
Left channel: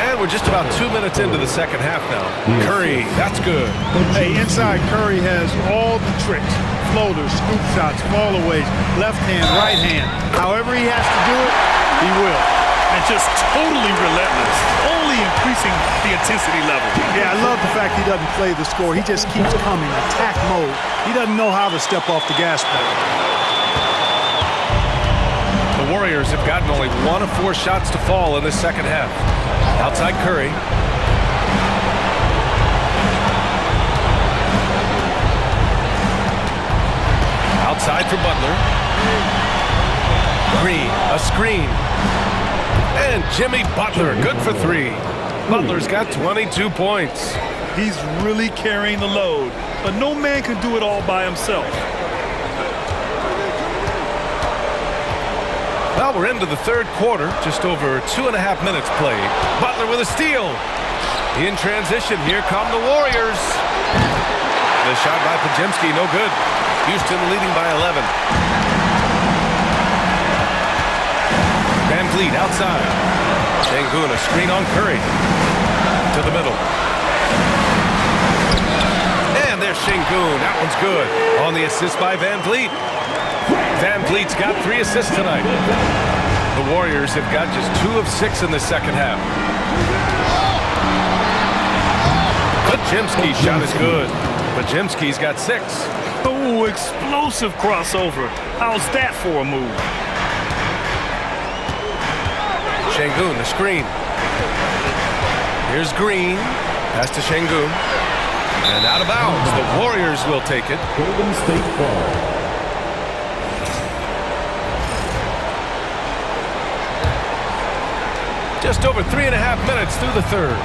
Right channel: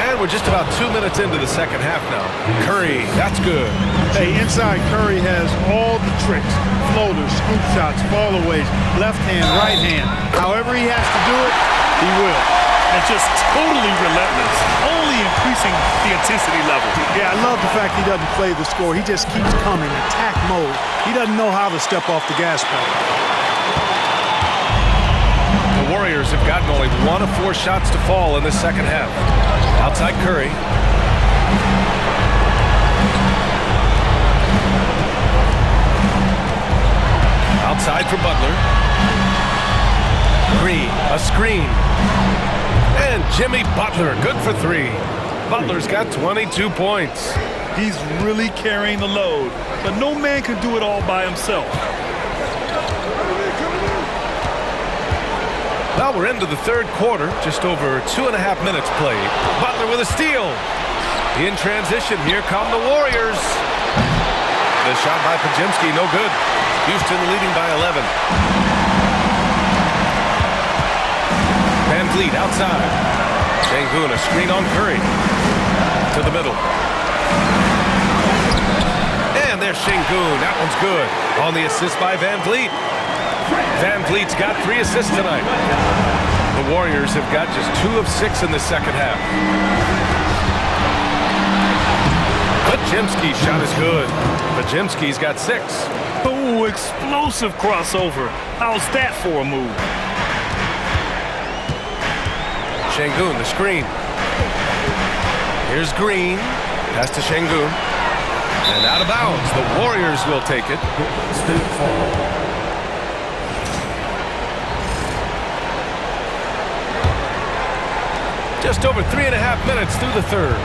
And we're just about 2 minutes into the second half now. Curry, that's good. Hey, inside Curry has all the tricks. Floaters, scoop shots, fallaways, left hand, right hand. However he has to do it, he will. And just totally relentless, only increasing the intensity level. Yeah, I love the fact he doesn't play the score. He just keeps coming, attack mode. He doesn't know how to step off the gas pedal. The Warriors have gotten only 1 of 4 shots to fall in this second half. Outside Curry. Outside for Butler. Green, a screen. And Jimmy Butler, good for 3. Butler's got 22 points. He's really carrying the load, but no man can do it all by himself. Well, we're into the third quarter, just over 2.5 minutes played. Butler with a steal. In transition, here come the Warriors. The shot by Podziemski, no good. Houston leading by 11. Van Vliet outside. Sengun, a screen on Curry. To the middle. And there's Sengun. That one's good. On the assist by Van Vliet. Van Vliet's got 3 assists tonight. The Warriors have got just 2 of 6 in the second half. Podziemski's shot is good. Podziemski's got 6. Oh, explosive crossover. How's that for a move? Sengun, the screen. Here's Green. Pass to Sengun. And out of bounds. The Warriors will take it. Golden State foul. Just over 3.5 minutes through the third.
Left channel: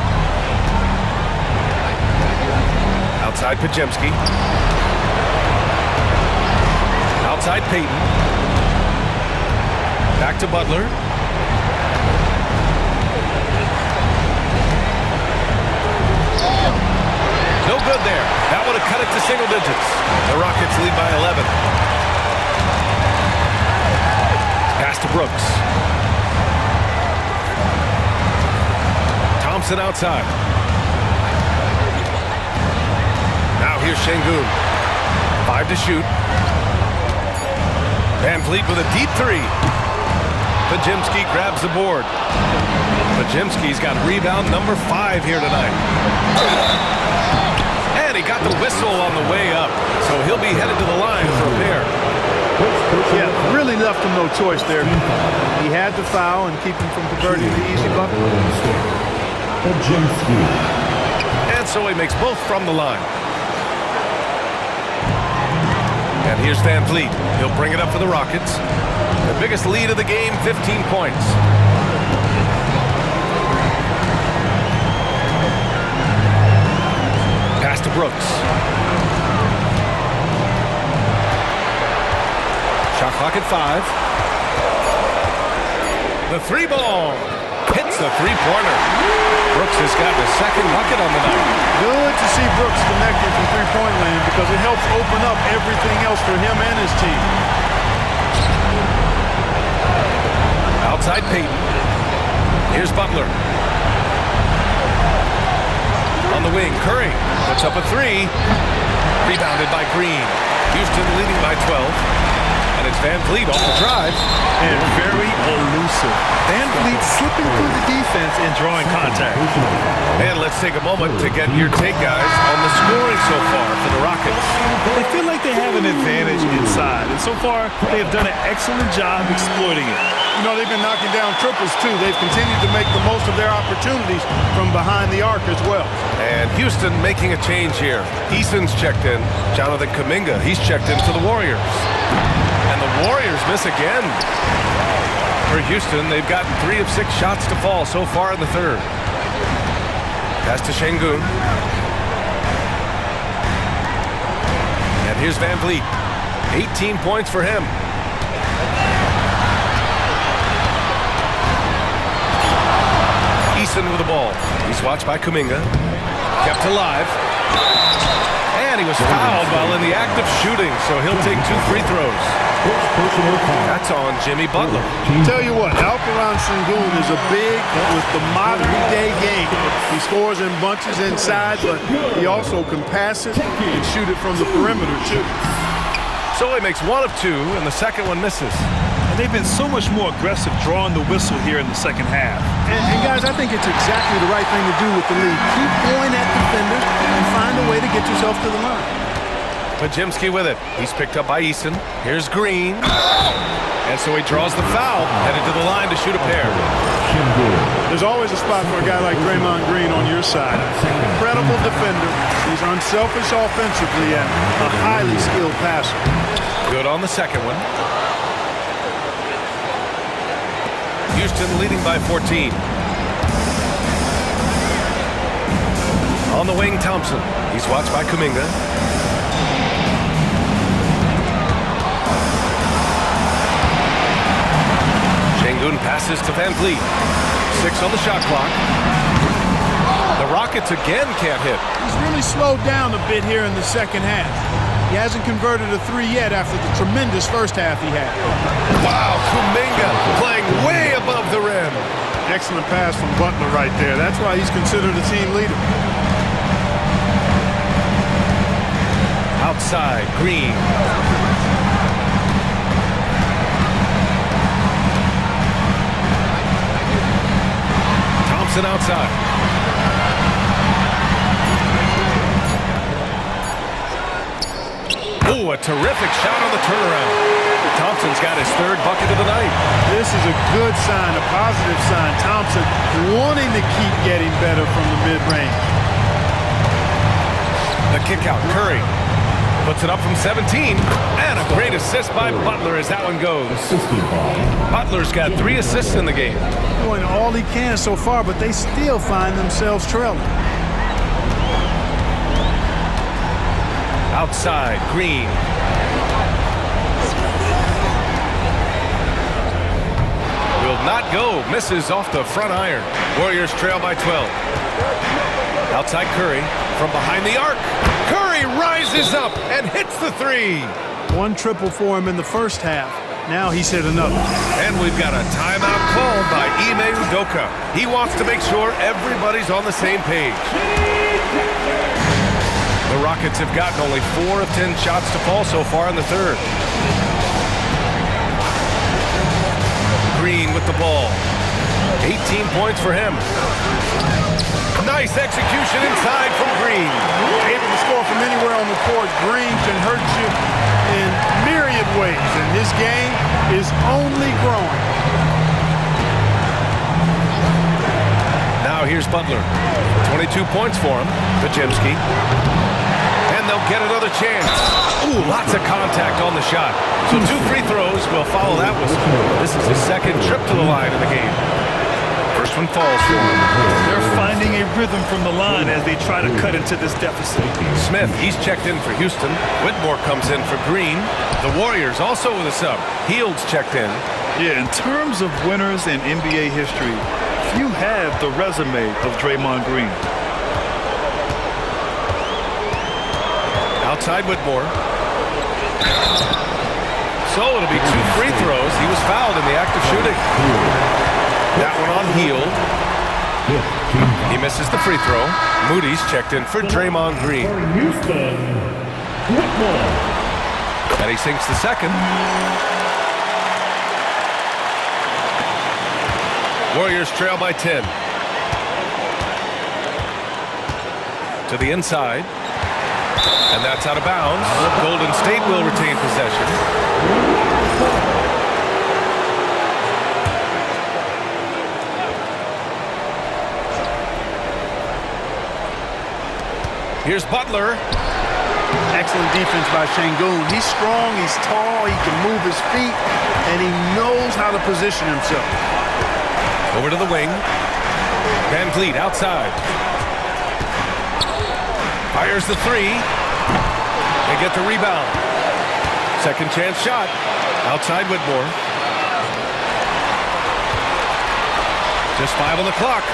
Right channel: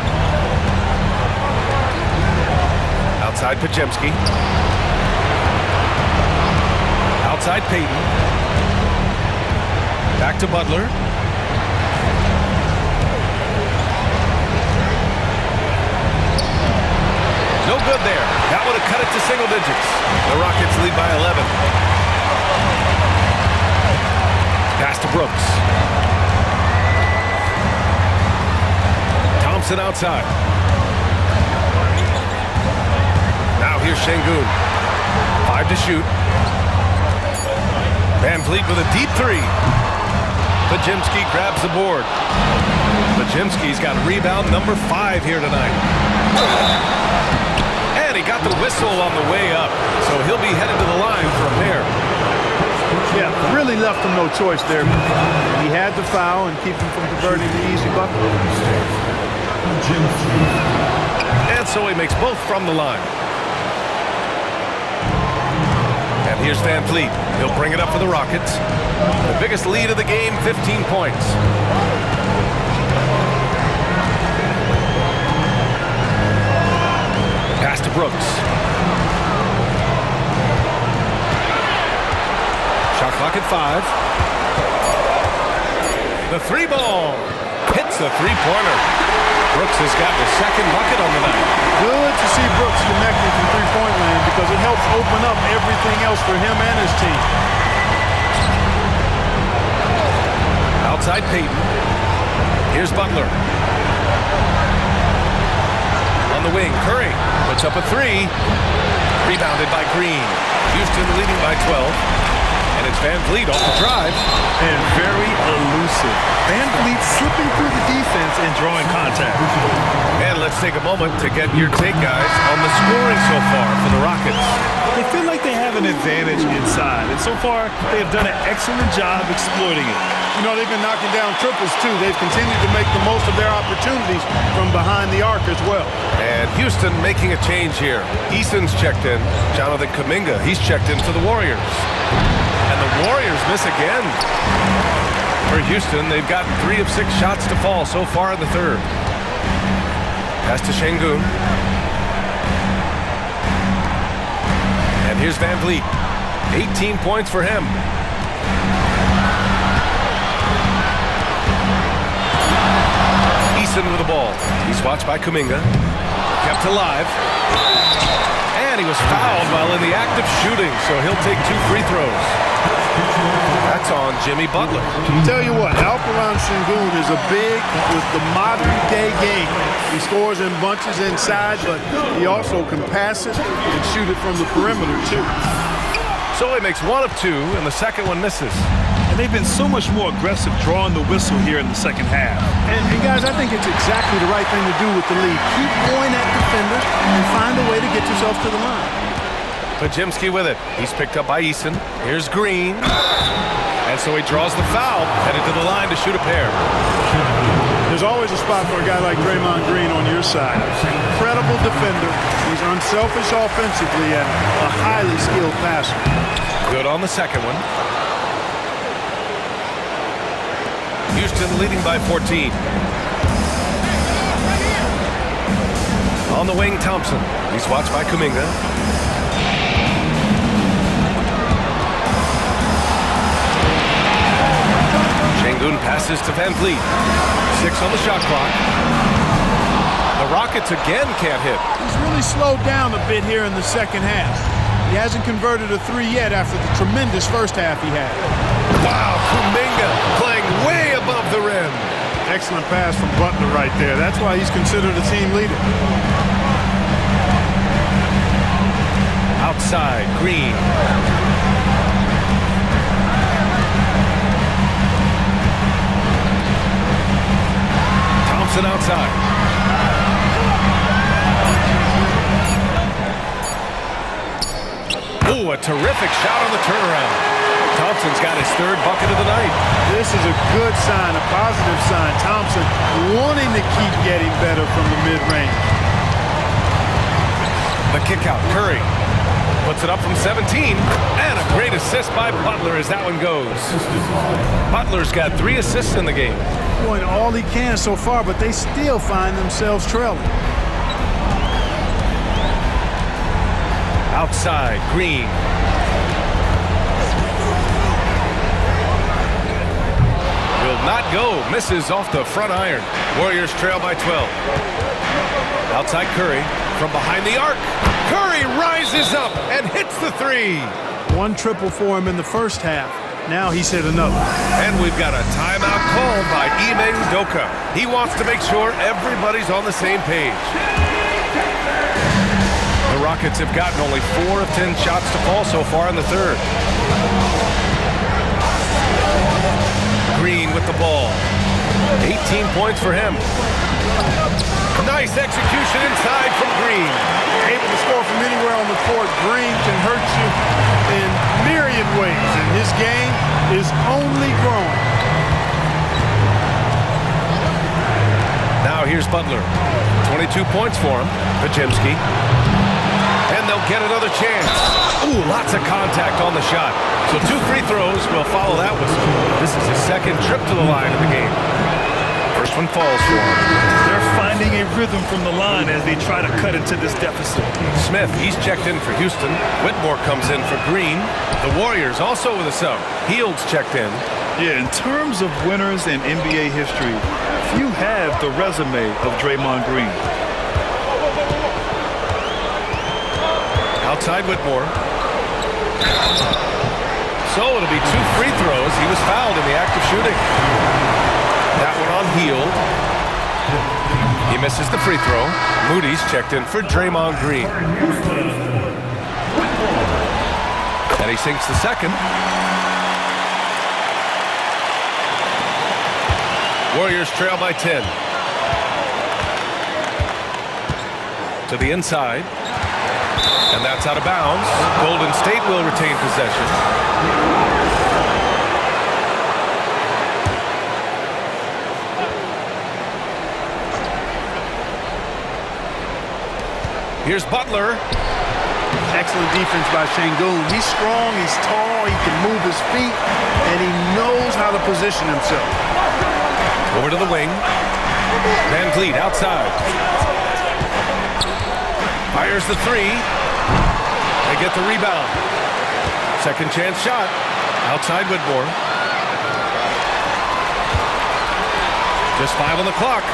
Outside Podziemski. Outside Payton. Back to Butler. No good there. That would have cut it to single digits. The Rockets lead by 11. Pass to Brooks. Thompson outside. Now here's Sengun. 5 to shoot. Van Vliet with a deep 3. Podziemski grabs the board. Podziemski's got rebound number 5 here tonight. And he got the whistle on the way up, so he'll be headed to the line for a pair. Yeah, really left him no choice there. He had to foul and keep him from converting the easy bucket. And so he makes both from the line. And here's Van Vliet. He'll bring it up for the Rockets. The biggest lead of the game, 15 points. Pass to Brooks. Shot clock at 5. The three ball hits the three-pointer. Brooks has gotten a second bucket on the night. Good to see Brooks connecting from three-point land because it helps open up everything else for him and his team. Outside Payton. Here's Butler. On the wing, Curry puts up a three. Rebounded by Green. Houston leading by 12. And it's Van Vliet off the drive. And very elusive. Van Vliet slipping through the defense and drawing contact. And let's take a moment to get your take, guys, on the scoring so far for the Rockets. They feel like they have an advantage inside, and so far they have done an excellent job exploiting it. You know, they've been knocking down triples, too. They've continued to make the most of their opportunities from behind the arc as well. And Houston making a change here. Eason's checked in. Jonathan Kuminga, he's checked in for the Warriors. And the Warriors miss again. For Houston, they've gotten 3 of 6 shots to fall so far in the third. Pass to Şengün. And here's Van Vliet. 18 points for him. Eason with the ball. He's watched by Kuminga. Kept alive. And he was fouled while in the act of shooting, so he'll take 2 free throws. That's on Jimmy Butler. Tell you what, Alperen Şengün is a big with the modern-day game. He scores in bunches inside, but he also can pass it and shoot it from the perimeter, too. So he makes 1 of 2, and the second one misses. And they've been so much more aggressive drawing the whistle here in the second half. And guys, I think it's exactly the right thing to do with the lead. Keep going at defenders and find a way to get yourself to the line. Podziemski with it. He's picked up by Eason. Here's Green. And so he draws the foul, headed to the line to shoot a pair. There's always a spot for a guy like Draymond Green on your side. Incredible defender. He's unselfish offensively and a highly skilled passer. Good on the second one. Houston leading by 14. On the wing, Thompson. He's watched by Kuminga. Şengün passes to Van Vliet. 6 on the shot clock. The Rockets again can't hit. He's really slowed down a bit here in the second half. He hasn't converted a 3 yet after the tremendous first half he had. Wow, Kuminga playing way above the rim. Excellent pass from Butler right there. That's why he's considered a team leader. Outside, Green. Thompson outside. Oh, a terrific shot on the turnaround. Thompson's got his 3rd bucket of the night. This is a good sign, a positive sign. Thompson wanting to keep getting better from the mid-range. The kick out, Curry puts it up from 17, and a great assist by Butler as that one goes. Butler's got 3 assists in the game. Doing all he can so far, but they still find themselves trailing. Outside, Green. Will not go. Misses off the front iron. Warriors trail by 12. Outside Curry from behind the arc. Curry rises up and hits the 3. 1 triple for him in the first half. Now he's hit another. And we've got a timeout called by Ime Udoka. He wants to make sure everybody's on the same page. The Rockets have gotten only 4 of 10 shots to fall so far in the third. Green with the ball. 18 points for him. Nice execution inside from Green. Able to score from anywhere on the court. Green can hurt you in myriad ways, and his game is only growing. Now here's Butler. 22 points for him. Podziemski. And And they'll get another chance. Ooh, lots of contact on the shot. So 2 free throws will follow that whistle. This is his second trip to the line in the game. First one falls for him. They're finding a rhythm from the line as they try to cut into this deficit. Smith, he's checked in for Houston. Whitmore comes in for Green. The Warriors also with a sub. Heald's checked in. Yeah, in terms of winners in NBA history, few have the resume of Draymond Green. Outside Whitmore. So it'll be 2 free throws. He was fouled in the act of shooting. That one on Hield. He misses the free throw. Moody's checked in for Draymond Green. And he sinks the second. Warriors trail by 10. To the inside. And that's out of bounds. Golden State will retain possession. Here's Butler. Excellent defense by Şengün. He's strong, he's tall, he can move his feet, and he knows how to position himself. Over to the wing. Van Vliet outside. Fires the 3. They get the rebound. Second chance shot. Outside Whitmore. Just 5 on the clock.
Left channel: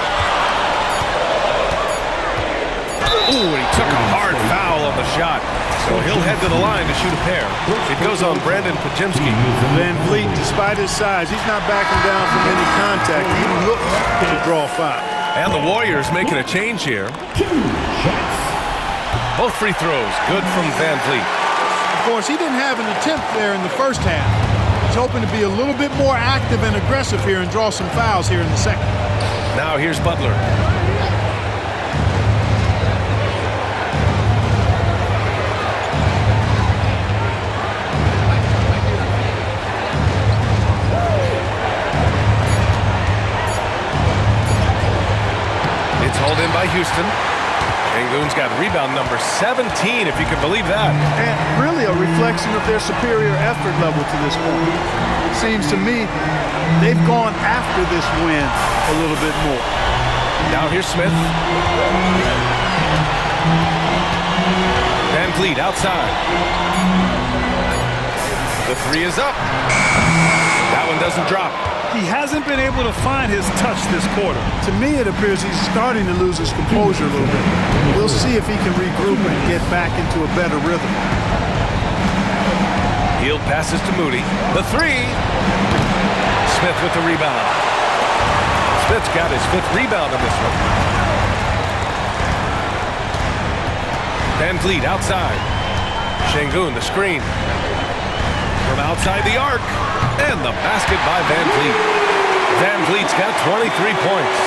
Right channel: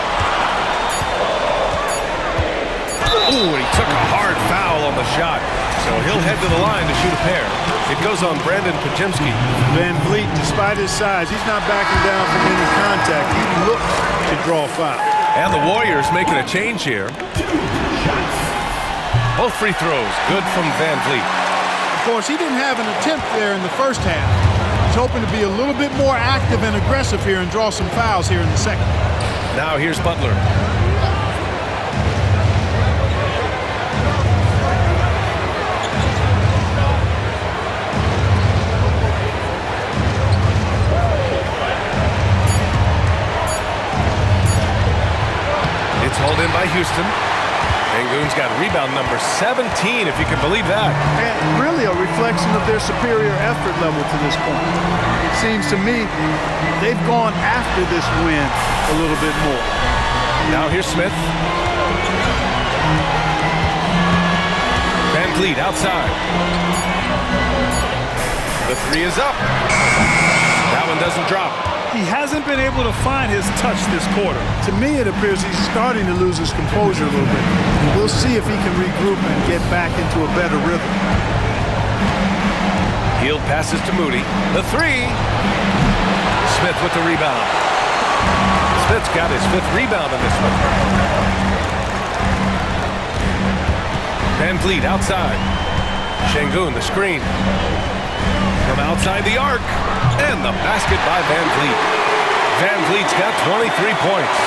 Ooh, and he took a hard foul on the shot. So he'll head to the line to shoot a pair. It goes on Brandon Podziemski. Van Vliet, despite his size, he's not backing down from any contact. He looks to draw foul. And the Warriors making a change here. Both free throws, good from Van Vliet. Of course, he didn't have an attempt there in the first half. He's hoping to be a little bit more active and aggressive here and draw some fouls here in the second. Now here's Butler. It's hauled in by Houston. Şengün's got rebound number 17, if you can believe that. And really a reflection of their superior effort level to this point. It seems to me they've gone after this win a little bit more. Now here's Smith. Van Vliet outside. The 3 is up. That one doesn't drop. He hasn't been able to find his touch this quarter. To me, it appears he's starting to lose his composure a little bit. We'll see if he can regroup and get back into a better rhythm. Hield passes to Moody. The 3. Smith with the rebound. Smith's got his 5th rebound in this one. Van Vliet outside. Şengün the screen. From outside the arc. And the basket by Van Vliet. Van Vliet's got 23 points.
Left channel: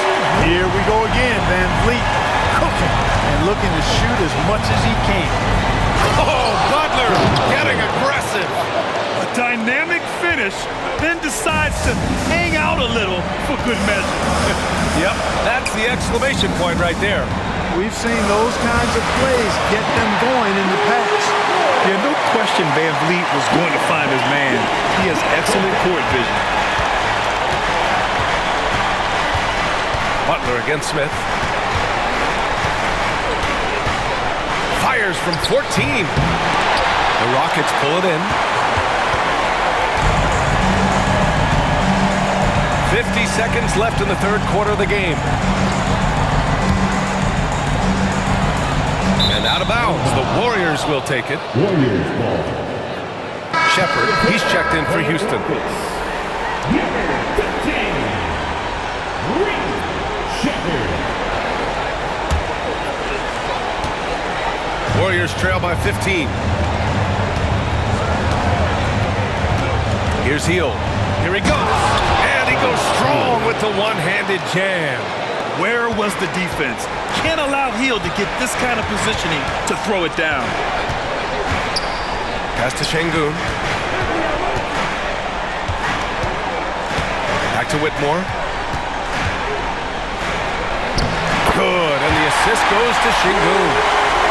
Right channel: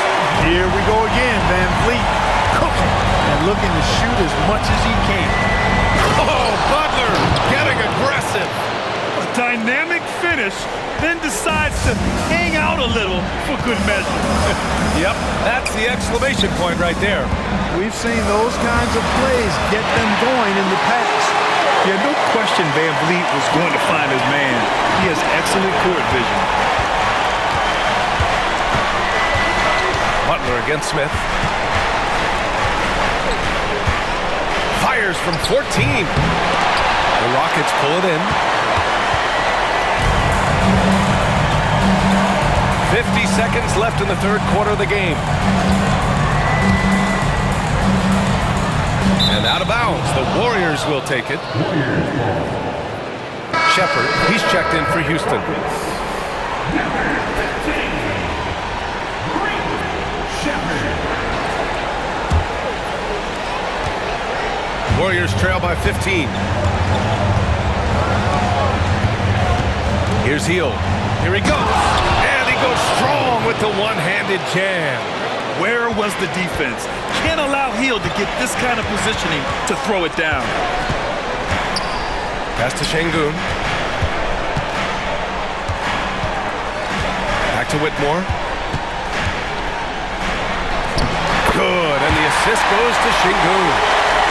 Here we go again. Van Vliet cooking and looking to shoot as much as he can. Oh, Butler getting aggressive. A dynamic finish, then decides to hang out a little for good measure. Yep, that's the exclamation point right there. We've seen those kinds of plays get them going in the past. Yeah, no question Van Vliet was going to find his man. He has excellent court vision. Butler against Smith. Fires from 14. The Rockets pull it in. 50 seconds left in the third quarter of the game. And out of bounds, the Warriors will take it. Shepherd, he's checked in for Houston. Warriors trail by 15. Here's Hield. Here he goes. And he goes strong with the one-handed jam. Where was the defense? Can't allow Hield to get this kind of positioning to throw it down. Pass to Şengün. Back to Whitmore. Good, and the assist goes to Şengün.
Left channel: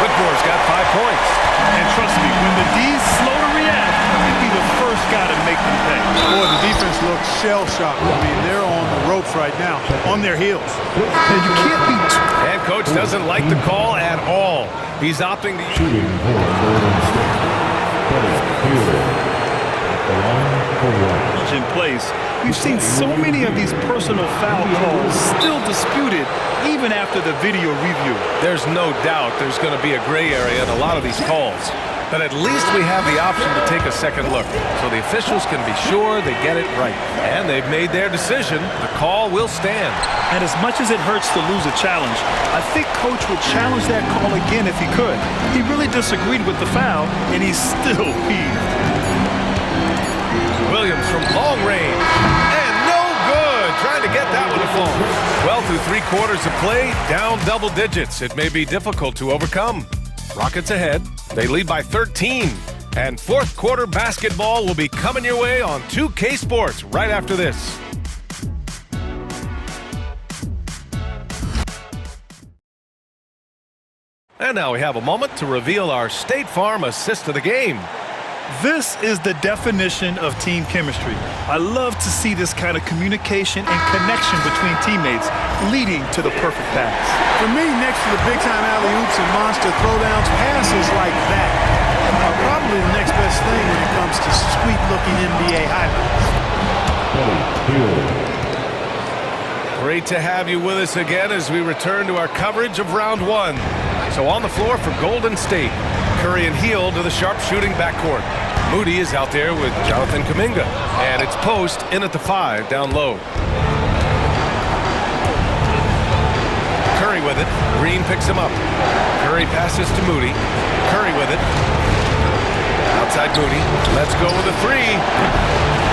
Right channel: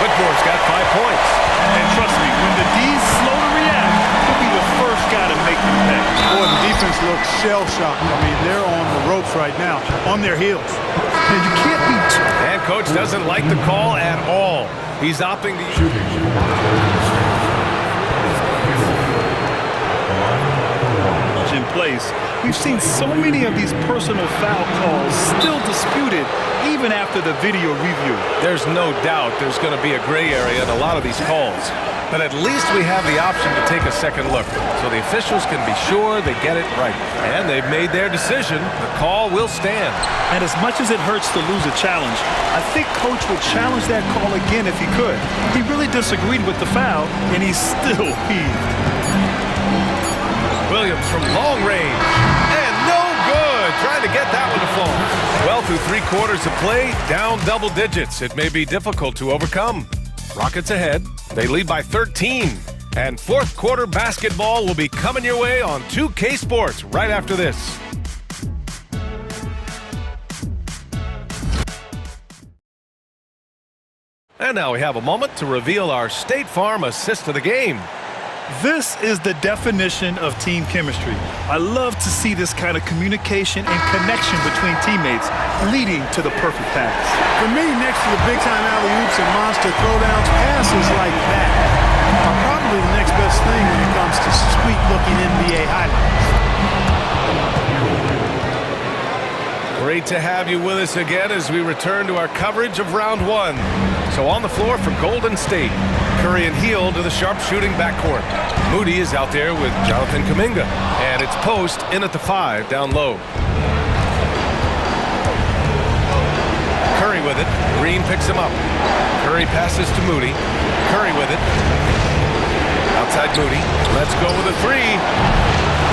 Whitmore's got 5 points. And trust me, when the D's slow to react, he'll be the first guy to make them pay. Boy, the defense looks shell-shocked. I mean, they're on the ropes right now, on their heels. And you can't be... And coach doesn't like the call at all. He's opting to... In place, we've seen so many of these personal foul calls still disputed even after the video review. There's no doubt there's going to be a gray area in a lot of these calls. But at least we have the option to take a second look, so the officials can be sure they get it right. And they've made their decision. The call will stand. And as much as it hurts to lose a challenge, I think Coach would challenge that call again if he could. He really disagreed with the foul, and he's still peeved. Williams from long range, and no good. Trying to get that one to fall. Well, through 3 quarters of play, down double digits. It may be difficult to overcome. Rockets ahead. They lead by 13. And fourth quarter basketball will be coming your way on 2K Sports right after this. And now we have a moment to reveal our State Farm assist of the game. This is the definition of team chemistry. I love to see this kind of communication and connection between teammates leading to the perfect pass. For me, next to the big-time alley-oops and monster throwdowns, passes like that are probably the next best thing when it comes to sweet-looking NBA highlights. Great to have you with us again as we return to our coverage of round 1. So on the floor for Golden State, Curry and Hield to the sharpshooting backcourt. Moody is out there with Jonathan Kuminga. And it's Post in at the 5 down low. Curry with it. Green picks him up. Curry passes to Moody. Curry with it. Outside Moody. Let's go with a 3.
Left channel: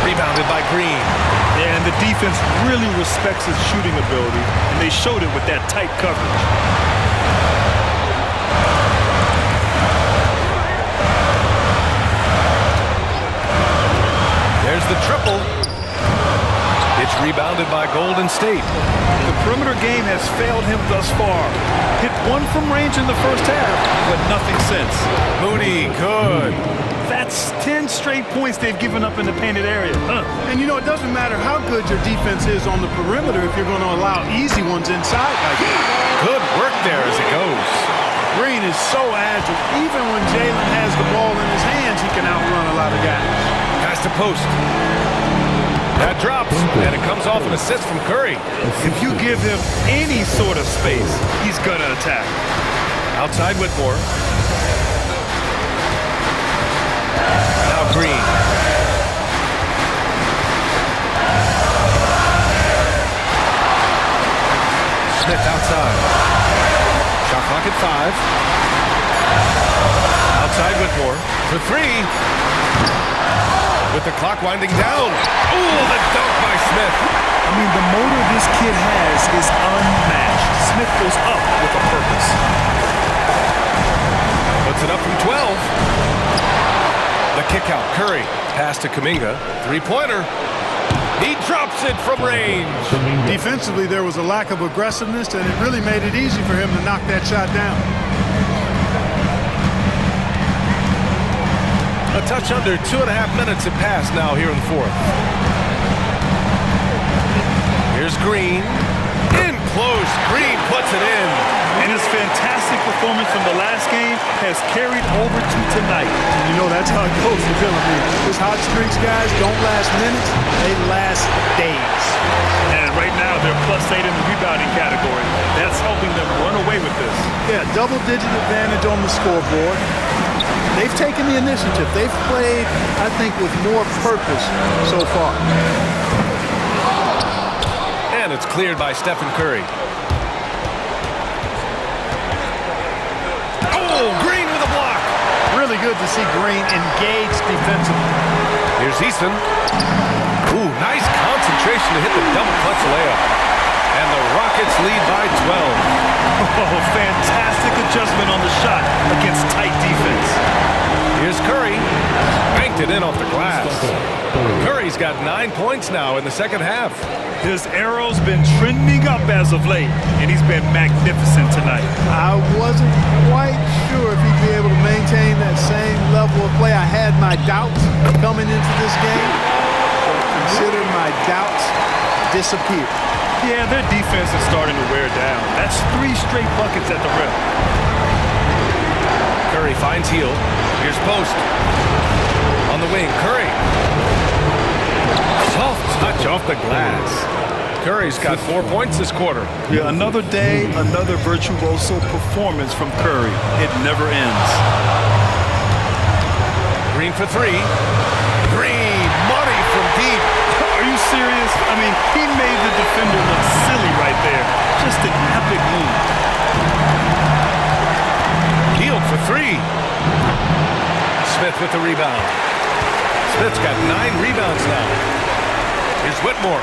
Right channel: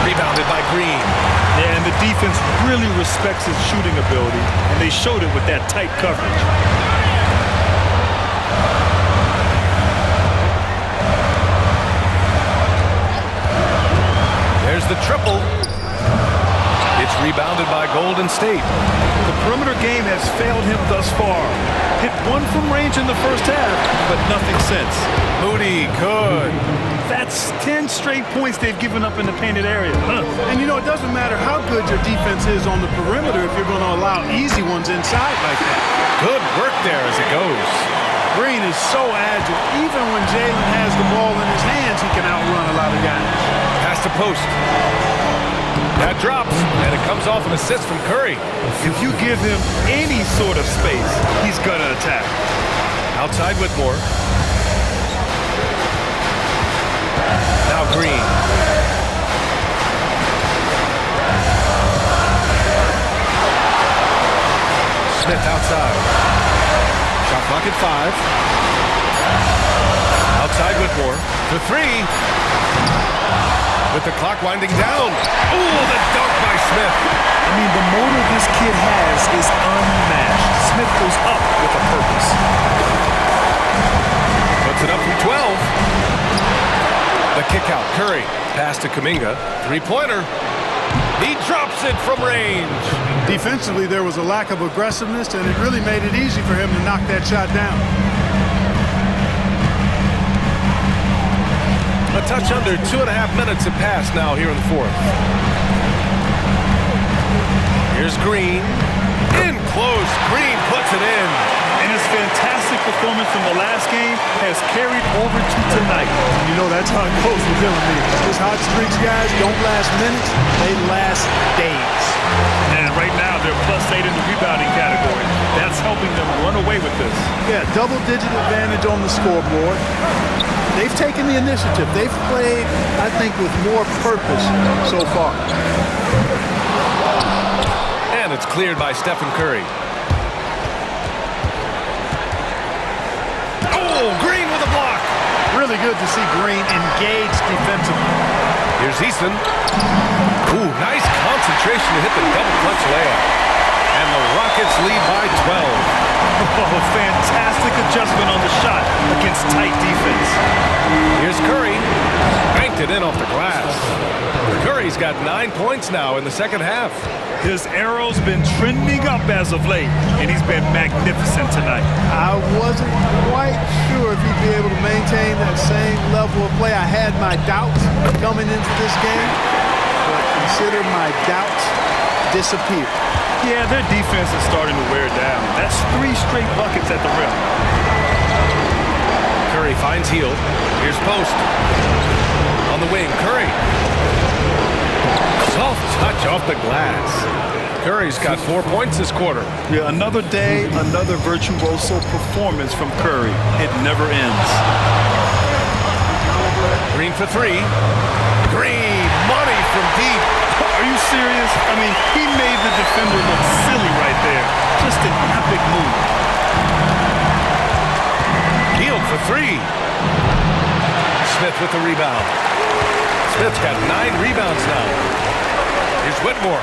Rebounded by Green. Yeah, and the defense really respects his shooting ability, and they showed it with that tight coverage. There's the triple. It's rebounded by Golden State. The perimeter game has failed him thus far. Hit 1 from range in the first half, but nothing since. Moody, good. That's 10 straight points they've given up in the painted area. And you know, it doesn't matter how good your defense is on the perimeter if you're going to allow easy ones inside like that. Good work there as it goes. Green is so agile. Even when Jalen has the ball in his hands, he can outrun a lot of guys. Pass to Post. That drops, and it comes off an assist from Curry. If you give him any sort of space, he's going to attack. Outside Whitmore. Now Green. Smith outside. Shot clock at 5. Outside Whitmore. The 3. With the clock winding down. Oh, the dunk by Smith. I mean, the motor this kid has is unmatched. Smith goes up with a purpose. Puts it up from 12. The kick out. Curry. Pass to Kuminga. 3-pointer. He drops it from range. Defensively, there was a lack of aggressiveness, and it really made it easy for him to knock that shot down. A touch under 2.5 minutes have passed now here in the fourth. Here's Green. In close. Green puts it in. And his fantastic performance from the last game has carried over to tonight. You know, that's how it goes with him. I mean, his hot streaks, guys, don't last minutes. They last days. And right now, they're +8 in the rebounding category. That's helping them run away with this. Yeah, double-digit advantage on the scoreboard. They've taken the initiative. They've played, I think, with more purpose so far. And it's cleared by Stephen Curry. Oh, Green with a block. Really good to see Green engaged defensively. Here's Easton. Ooh, nice concentration to hit the double clutch layup. And the Rockets lead by 12. Oh, fantastic adjustment on the shot against tight defense. Here's Curry. Banked it in off the glass. Curry's got 9 points now in the second half. His arrow's been trending up as of late, and he's been magnificent tonight. I wasn't quite sure if he'd be able to maintain that same level of play. I had my doubts coming into this game, but consider my doubts disappear. Yeah, their defense is starting to wear down. That's 3 straight buckets at the rim. Curry finds Hield. Here's Post. On the wing, Curry. Soft touch off the glass. Curry's got 4 points this quarter. Yeah, another day, another virtuoso performance from Curry. It never ends. Green for 3. Green, money from deep. Are you serious? I mean, he made the defender look silly right there. Just an epic move. Hield for 3. Smith with the rebound. Smith's got 9 rebounds now. Here's Whitmore.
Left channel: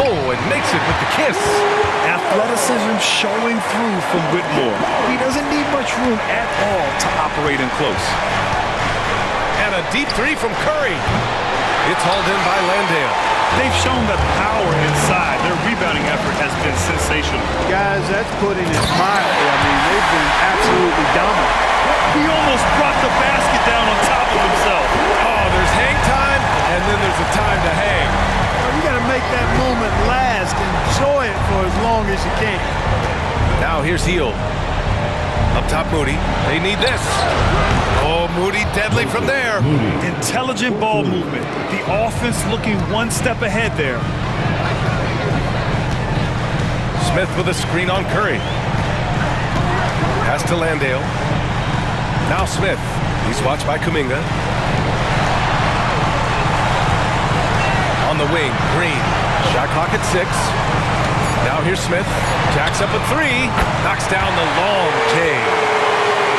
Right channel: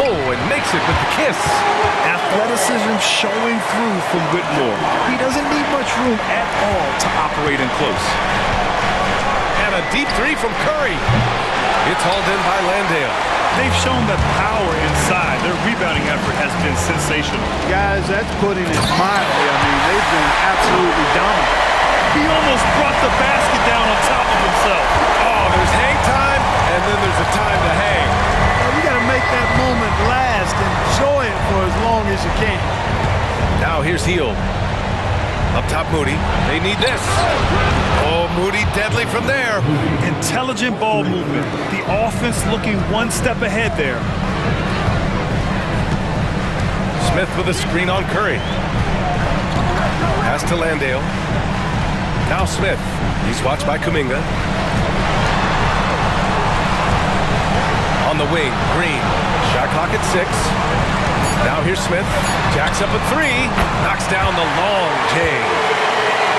Oh, and makes it with the kiss. Athleticism showing through from Whitmore. He doesn't need much room at all to operate in close. And a deep 3 from Curry. It's hauled in by Landale. They've shown that power inside. Their rebounding effort has been sensational. Guys, that's putting it mildly. I mean, they've been absolutely dominant. He almost brought the basket down on top of himself. Oh, there's hang time, and then there's a time to hang. Well, you got to make that moment last. Enjoy it for as long as you can. Now here's Hield. Up top, Moody. They need this. Oh, Moody deadly from there. Intelligent ball movement. The offense looking one step ahead there. Smith with a screen on Curry. Pass to Landale. Now Smith. He's watched by Kuminga. On the wing, Green. Shot clock at 6. Now here's Smith. Jacks up at 3. Knocks down the long J.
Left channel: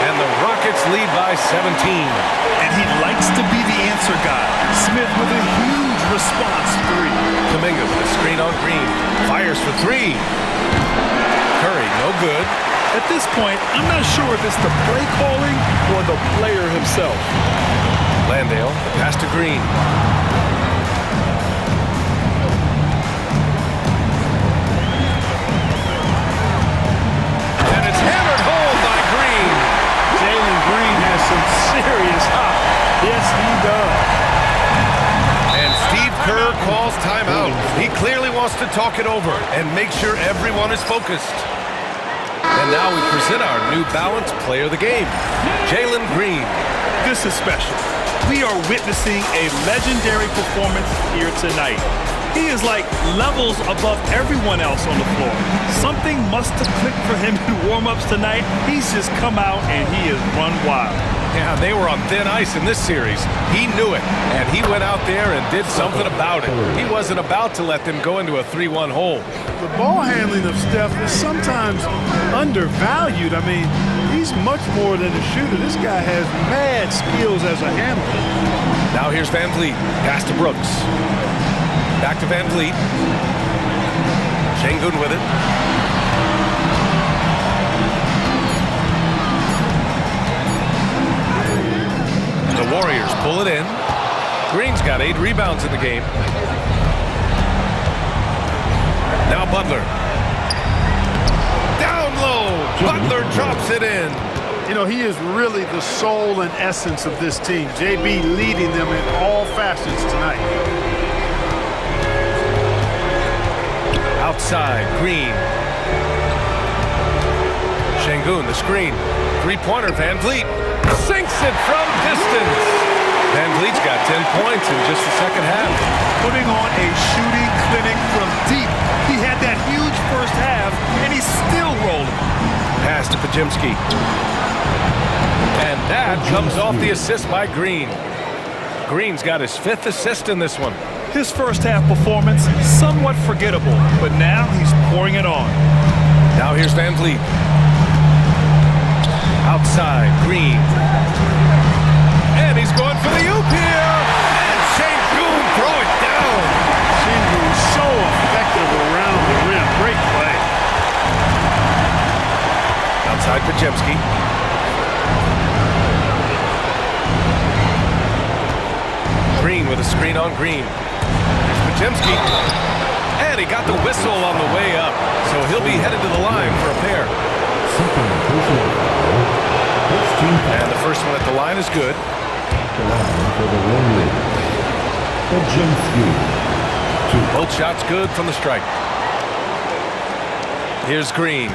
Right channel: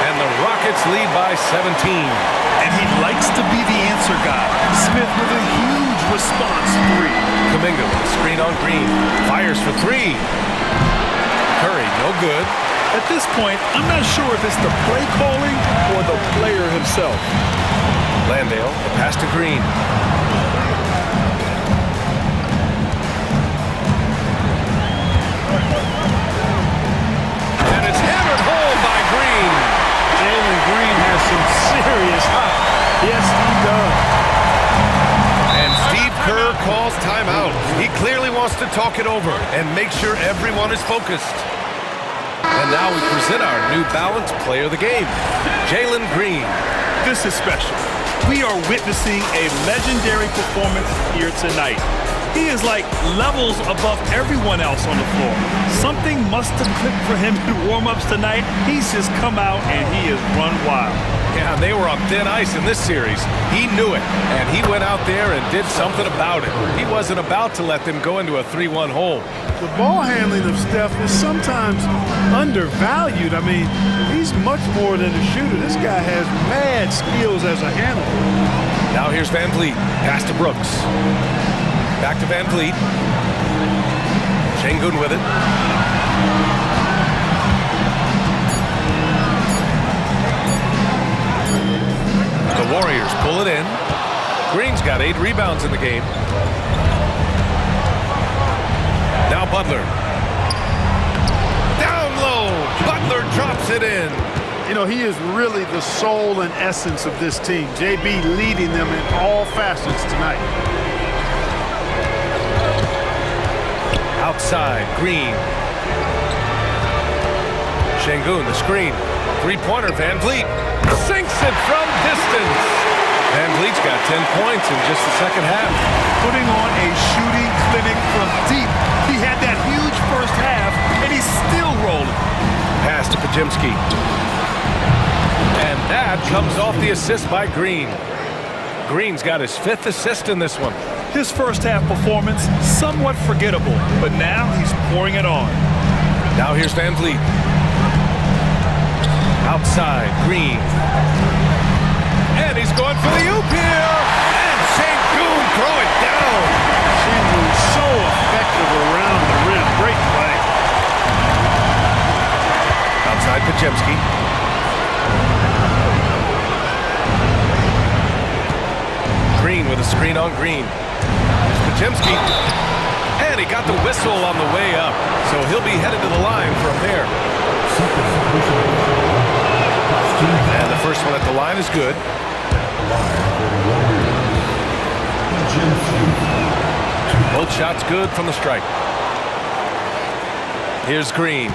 And the Rockets lead by 17. And he likes to be the answer guy. Smith with a huge response 3. Kuminga with a screen on Green. Fires for 3. Curry, no good. At this point, I'm not sure if it's the play calling or the player himself. Landale, the pass to Green. And it's hammered home by Green. Jalen Green has some serious hop. Yes, he does. And Steve Kerr calls timeout. He clearly wants to talk it over and make sure everyone is focused. And now we present our New Balance Player of the Game, Jalen Green. This is special. We are witnessing a legendary performance here tonight. He is like levels above everyone else on the floor. Something must have clicked for him in warm-ups tonight. He's just come out and he has run wild. Yeah, they were on thin ice in this series. He knew it, and he went out there and did something about it. He wasn't about to let them go into a 3-1 hole. The ball handling of Steph is sometimes undervalued. I mean, he's much more than a shooter. This guy has mad skills as a handler. Now here's Van Vliet. Pass to Brooks. Back to Van Vliet. Şengün with it. The Warriors pull it in. Green's got 8 rebounds in the game. Now Butler. Down low. Butler drops it in. You know, he is really the soul and essence of this team. JB leading them in all facets tonight. Outside, Green. Şengün, the screen. 3-pointer, Van Vliet. Sinks it from distance. Van Vliet's got 10 points in just the second half. Putting on a shooting clinic from deep. He had that huge first half, and he's still rolling. Pass to Podziemski. And that comes off the assist by Green. Green's got his 5th assist in this one. His first half performance, somewhat forgettable, but now he's pouring it on. Now here's Van Vliet. Outside, Green. And he's going for the oop here. And Şengün throw it down. Şengün so effective around the rim. Great play. Outside, Podziemski. Green with a screen on Green. Here's Podziemski. And he got the whistle on the way up, so he'll be headed to the line for a pair. And the first one at the line is good. Both shots good from the strike. Here's Green.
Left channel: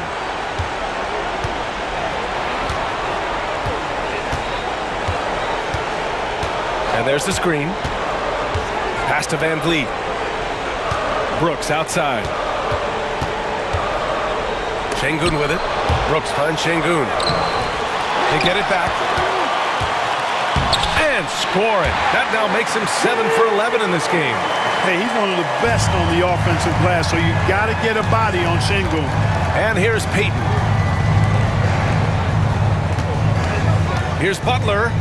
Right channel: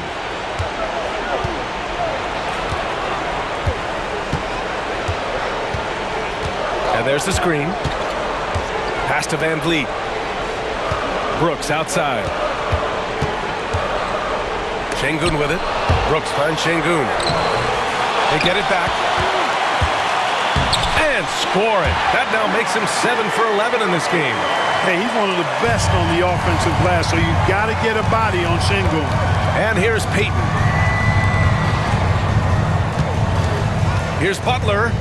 And there's the screen. Pass to Van Vliet. Brooks outside. Şengün with it. Brooks finds Şengün. They get it back. And score it. That now makes him 7 for 11 in this game. Hey, he's one of the best on the offensive glass, so you got to get a body on Şengün. And here's Payton. Here's Butler.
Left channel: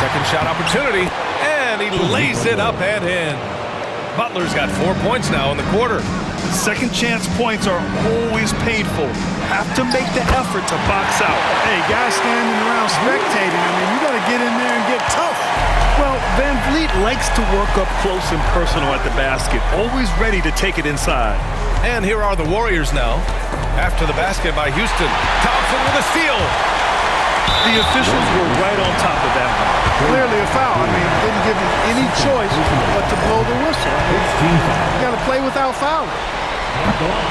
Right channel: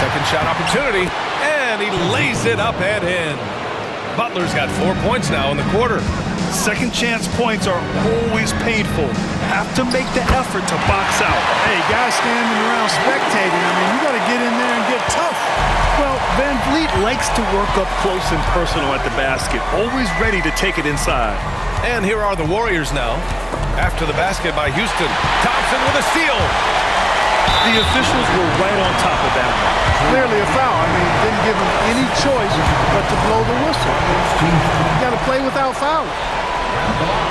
Second shot opportunity, and he lays it up and in. Butler's got 4 points now in the quarter. Second chance points are always painful. Have to make the effort to box out. Hey, guys standing around spectating, I mean, you got to get in there and get tough. Well, Van Vliet likes to work up close and personal at the basket, always ready to take it inside. And here are the Warriors now. After the basket by Houston, Thompson with a steal. The officials were right on top of that one. Clearly a foul. I mean, didn't give him any choice but to blow the whistle. I mean, you got to play without fouling.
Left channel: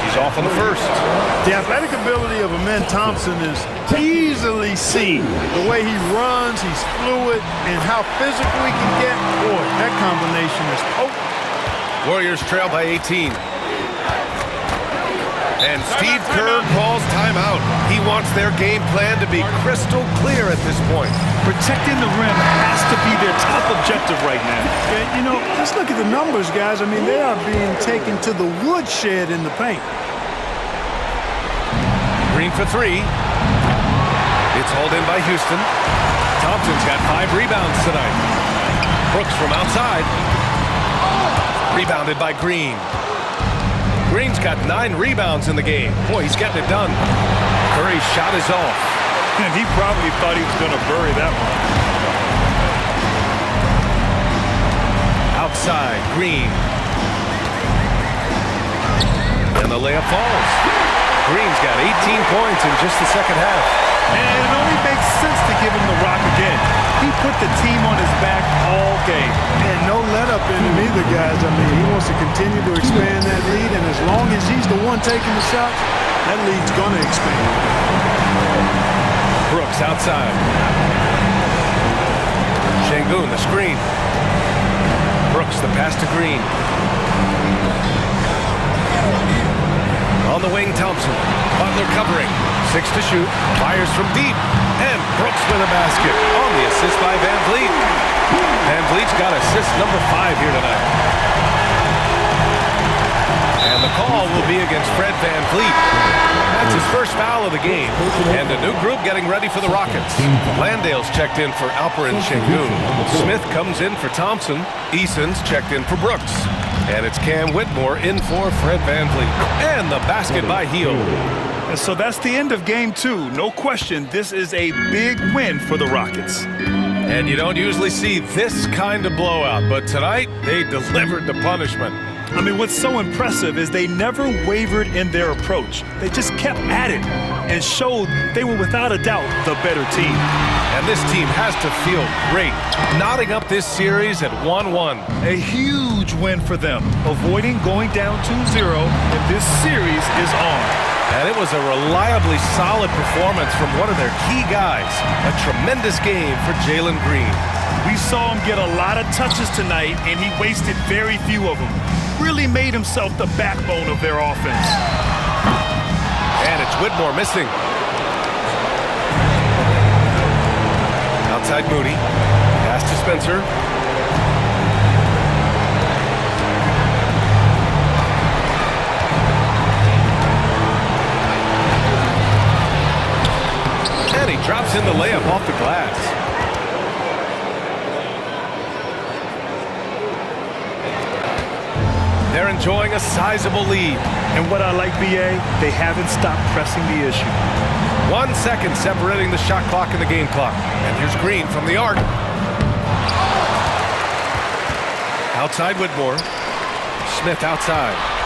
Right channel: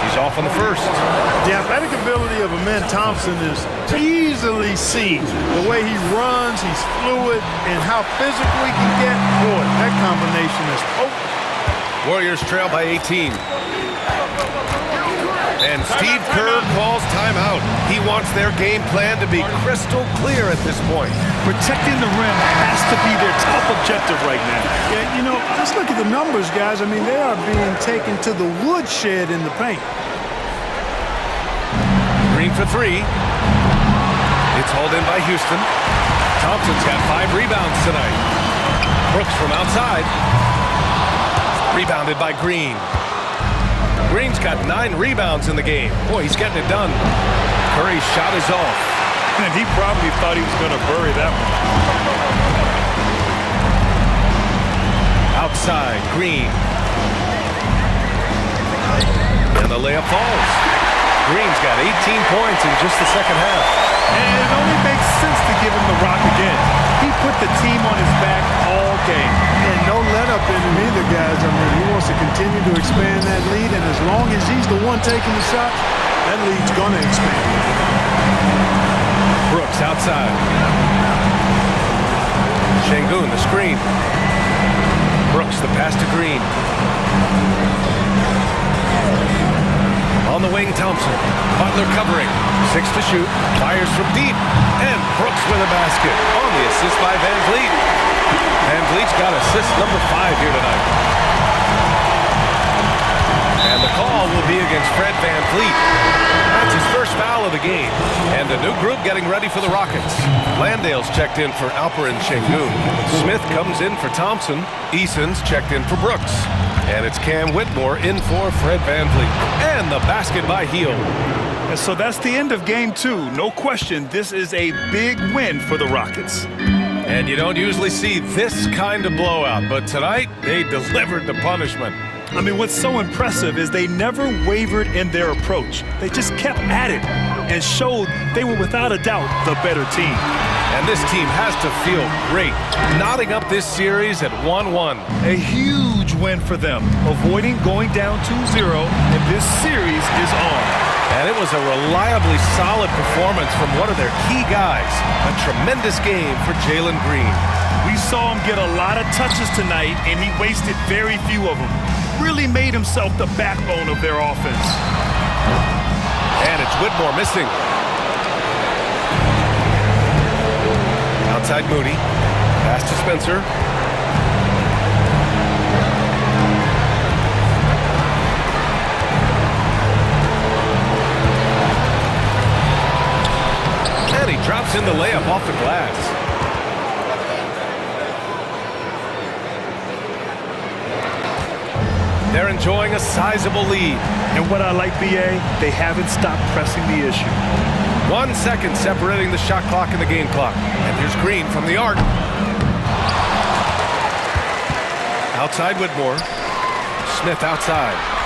He's off on the first. The athletic ability of Amen Thompson is easily seen. The way he runs, he's fluid, and how physical he can get. Boy, that combination is potent. Warriors trail by 18. And Steve Kerr calls timeout. He wants their game plan to be crystal clear at this point. Protecting the rim has to be their top objective right now. Yeah, you know, just look at the numbers, guys. I mean, they are being taken to the woodshed in the paint. Green for three. It's hauled in by Houston. Thompson's got 5 rebounds tonight. Brooks from outside. Rebounded by Green. Green's got 9 rebounds in the game. Boy, he's getting it done. Curry's shot is off. And he probably thought he was going to bury that one. Outside, Green. And the layup falls. Green's got 18 points in just the second half. And it only makes sense to give him the rock again. He put the team on his back all game. And no let up in him either, guys. I mean, he wants to continue to expand that lead, and as long as he's the one taking the shots, that lead's going to expand. Brooks outside. Şengün, the screen. Brooks, the pass to Green. On the wing, Thompson. Butler covering. 6 to shoot. Fires from deep. And Brooks with a basket on the assist by Van Vliet. Van Vliet's got assist number 5 here tonight. And the call will be against Fred Van Vliet. That's his first foul of the game. And a new group getting ready for the Rockets. Landale's checked in for Alperen Şengün. Smith comes in for Thompson. Eason's checked in for Brooks. And it's Cam Whitmore in for Fred Van Vliet. And the basket by Hield. And so that's the end of game 2. No question, this is a big win for the Rockets. And you don't usually see this kind of blowout, but tonight they delivered the punishment. I mean, what's so impressive is they never wavered in their approach. They just kept at it and showed they were without a doubt the better team. And this team has to feel great, knotting up this series at 1-1. A huge win for them, avoiding going down 2-0, and this series is on. And it was a reliably solid performance from one of their key guys. A tremendous game for Jalen Green. We saw him get a lot of touches tonight, and he wasted very few of them. Really made himself the backbone of their offense. And it's Whitmore missing. Outside Moody. Pass to Spencer. And he drops in the layup off the glass. They're enjoying a sizable lead. And what I like, B.A., they haven't stopped pressing the issue. 1 second separating the shot clock and the game clock. And here's Green from the arc. Outside Whitmore. Smith outside.